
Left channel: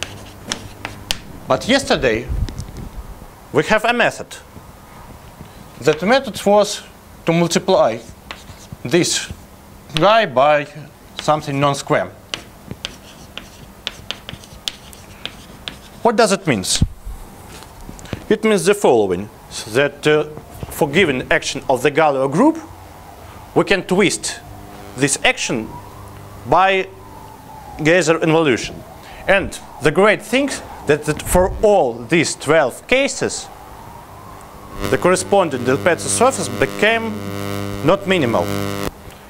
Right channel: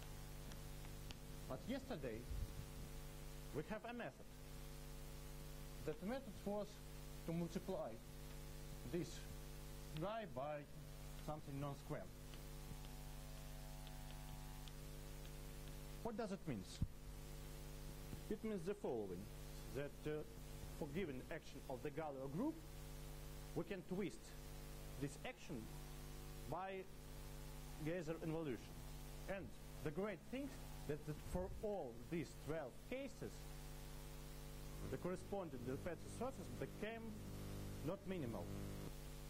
But yesterday, we have a method. That method was to multiply this guy by something non-square. What does it mean? It means the following, that for given action of the Galois group, we can twist this action by Geyser involution. And the great thing that for all these 12 cases, the corresponding del Pezzo surface became not minimal.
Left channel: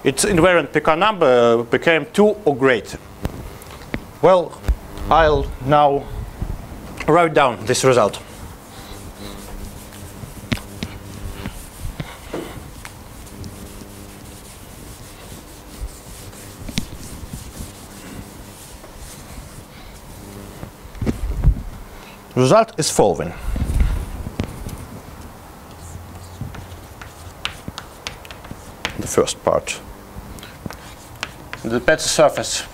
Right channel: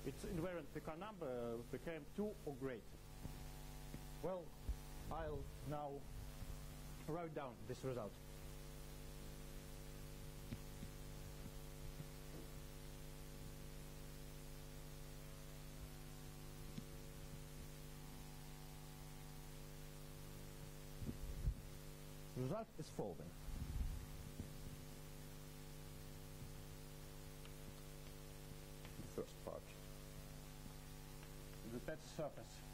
Its invariant Picard number became 2 or greater. Well, I'll now write down this result. Result is following. The first part. The Pezzo surface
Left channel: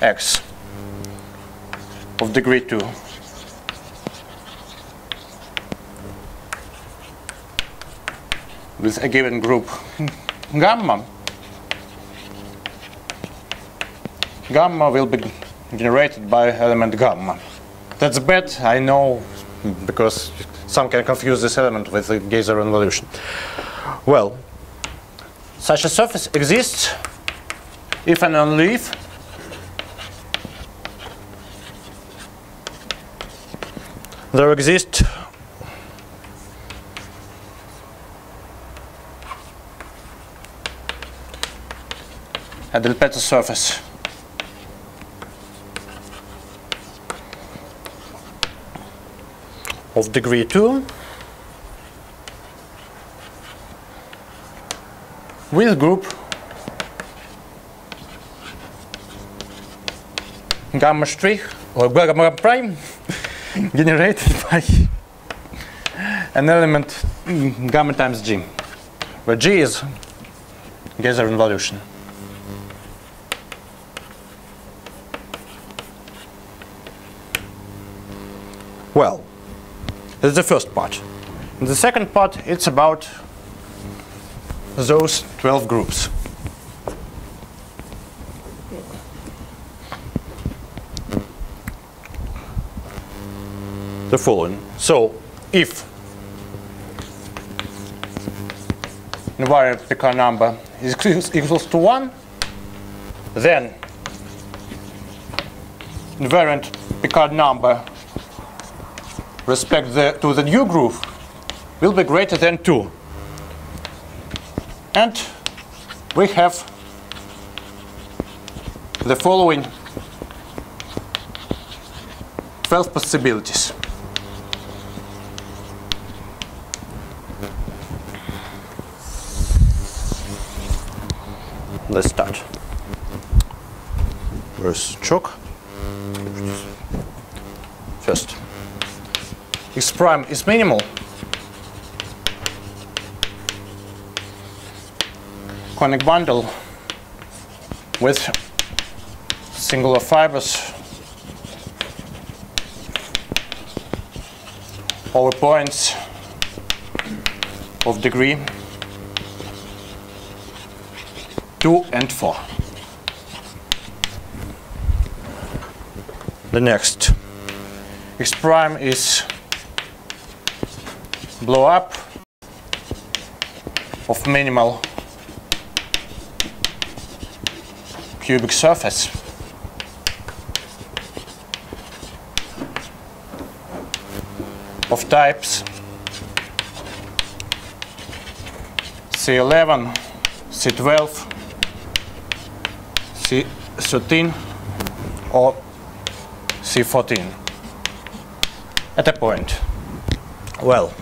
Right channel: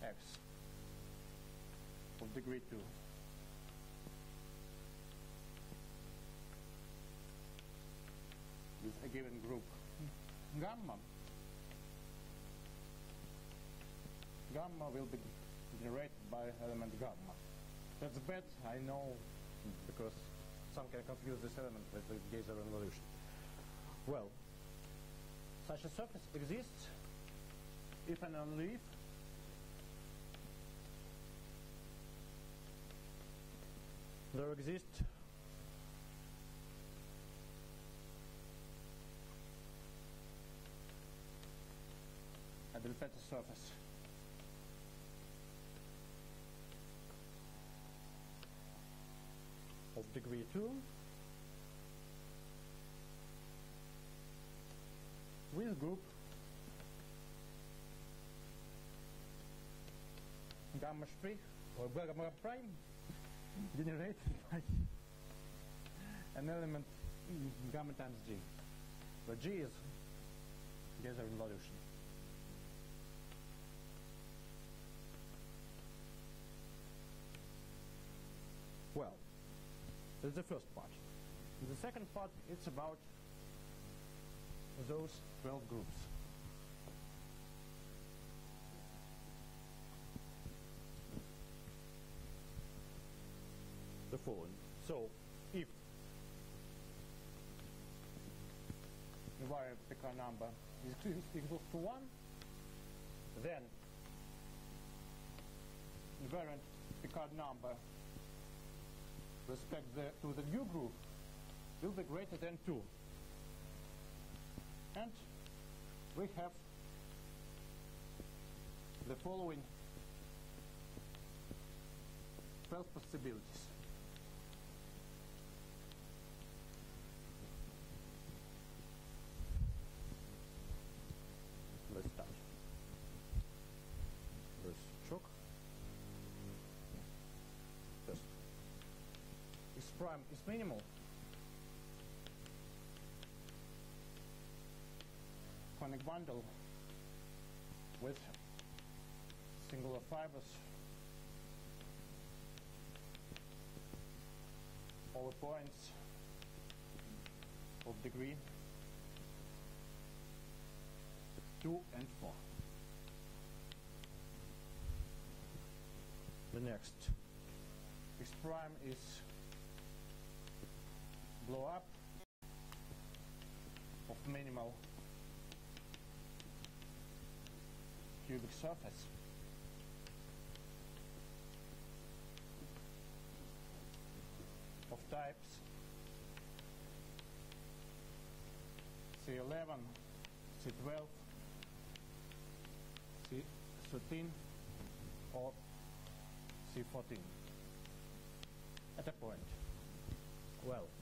X of degree 2 with a given group gamma. Gamma will be generated by element gamma. That's bad, I know, because some can confuse this element with the Geyser involution. Well, such a surface exists if and only if there exists a del Pezzo surface of degree 2 with group gamma strich or gamma prime generated by an element gamma times G, where G is Geyser involution. Well, that's the first part. In the second part, it's about those 12 groups. The following. So, if invariant Picard number is equals to 1, then invariant Picard number respect to the new group will be greater than 2. And we have the following 12 possibilities. Let's start. Where's chalk? First, X prime is minimal. Conic bundle with singular fibers over points of degree 2 and 4. The next, X prime is blow up of minimal cubic surface of types C11, C12, C13 or C14 at a point. Well,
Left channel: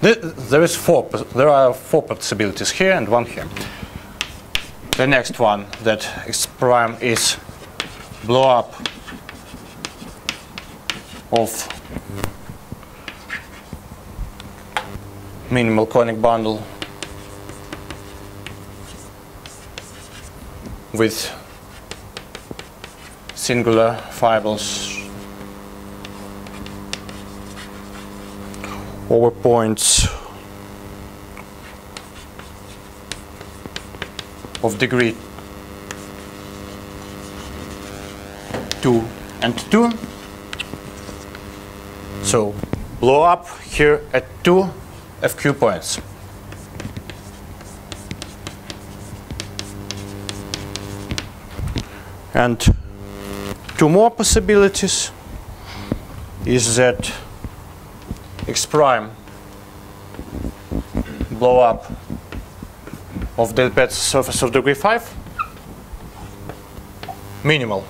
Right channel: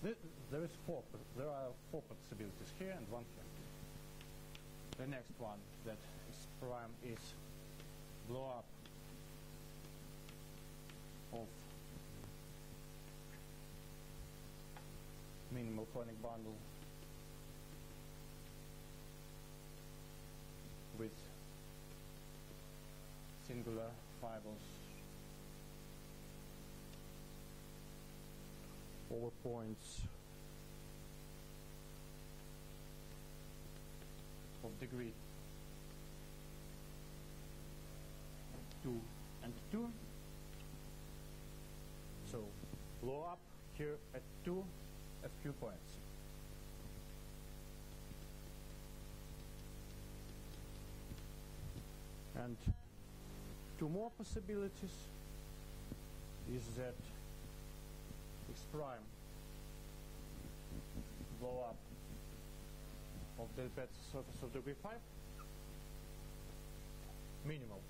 there are 4 possibilities here and 1 here. The next one, that X prime is blow up of minimal conic bundle with singular fibrils over points of degree 2 and 2. So blow up here at 2 FQ points. And two more possibilities is that X prime blow up of the Pezzo surface of degree 5 minimal.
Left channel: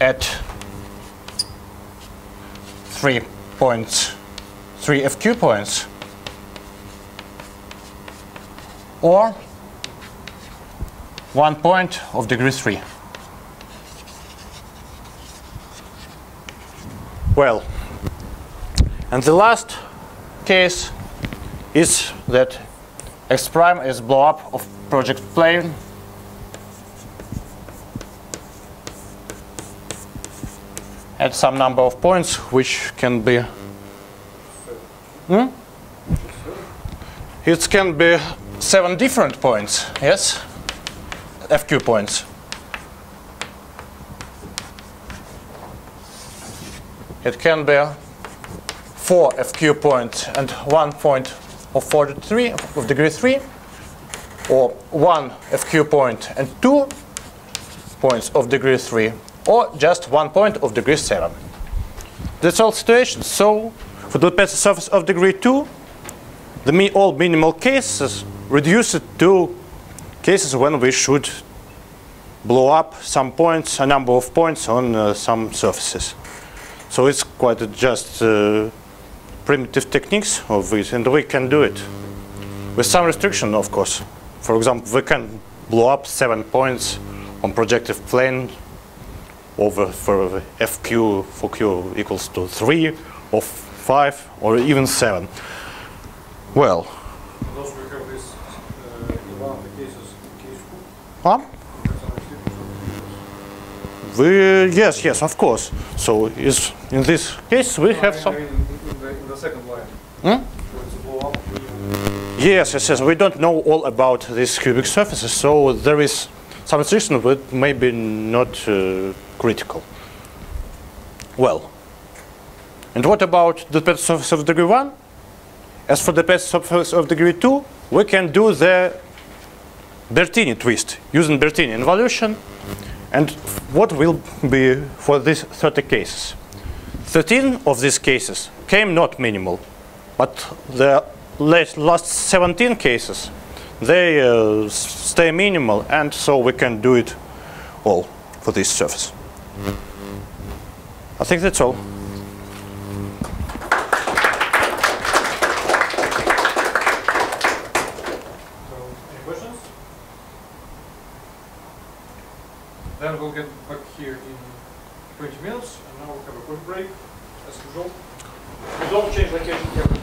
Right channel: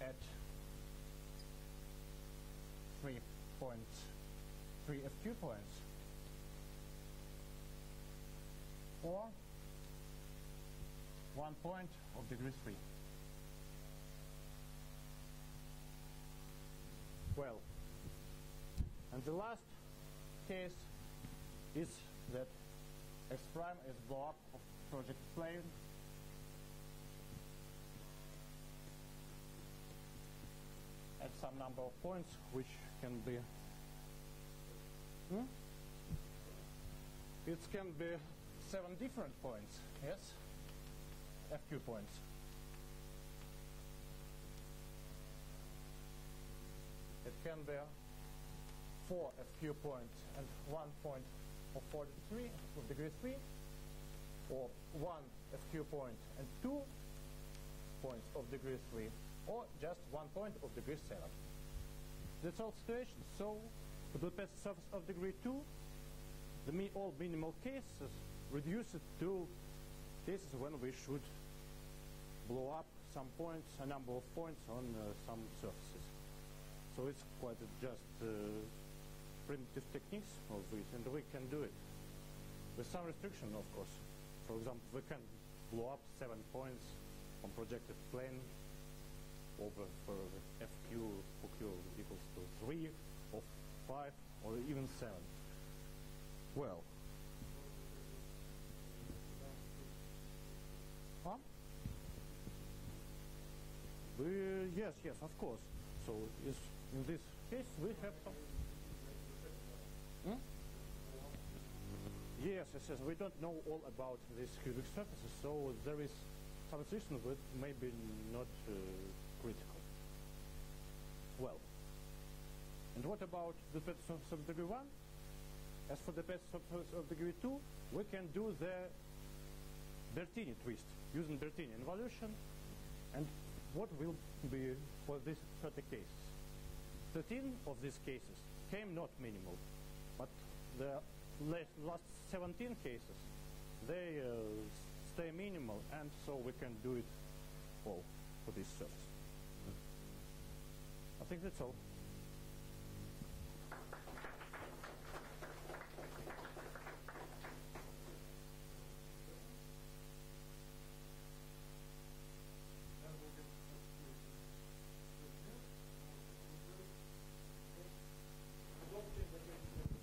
At 3 FQ points, or 1 point of degree 3. Well, and the last case is that X prime is blow up of project plane at some number of points, which can be it can be 7 different points, yes, FQ points. It can be 4 FQ points and 1 point of degree 3, or 1 FQ point and 2 points of degree 3, or just 1 point of degree 7. That's all situations. So for the Pezzo surface of degree 2, all minimal cases reduce it to cases when we should blow up some points, a number of points on some surfaces. So it's quite just primitive techniques of it, and we can do it with some restriction, of course. For example, we can blow up 7 points on projective plane over for FQ for Q equals to 3 or 5 or even 7. Well. And also we have this in one of the cases, case 2. Yes, of course. So in this case we have some. In the second line. So it's a blow up. Yes. We don't know all about these cubic surfaces, so there is some restriction, but maybe not critical. Well, and what about the Pezzo surface of degree 1? As for the Pezzo surface of degree 2, we can do the Bertini twist using Bertini involution. And what will be for these 30 cases? 13 of these cases came not minimal, but the last 17 cases, they stay minimal, and so we can do it all for this surface. I think that's all. Any questions? Then we'll get back here in 20 minutes, and now we'll have a quick break, as usual. We don't change location here.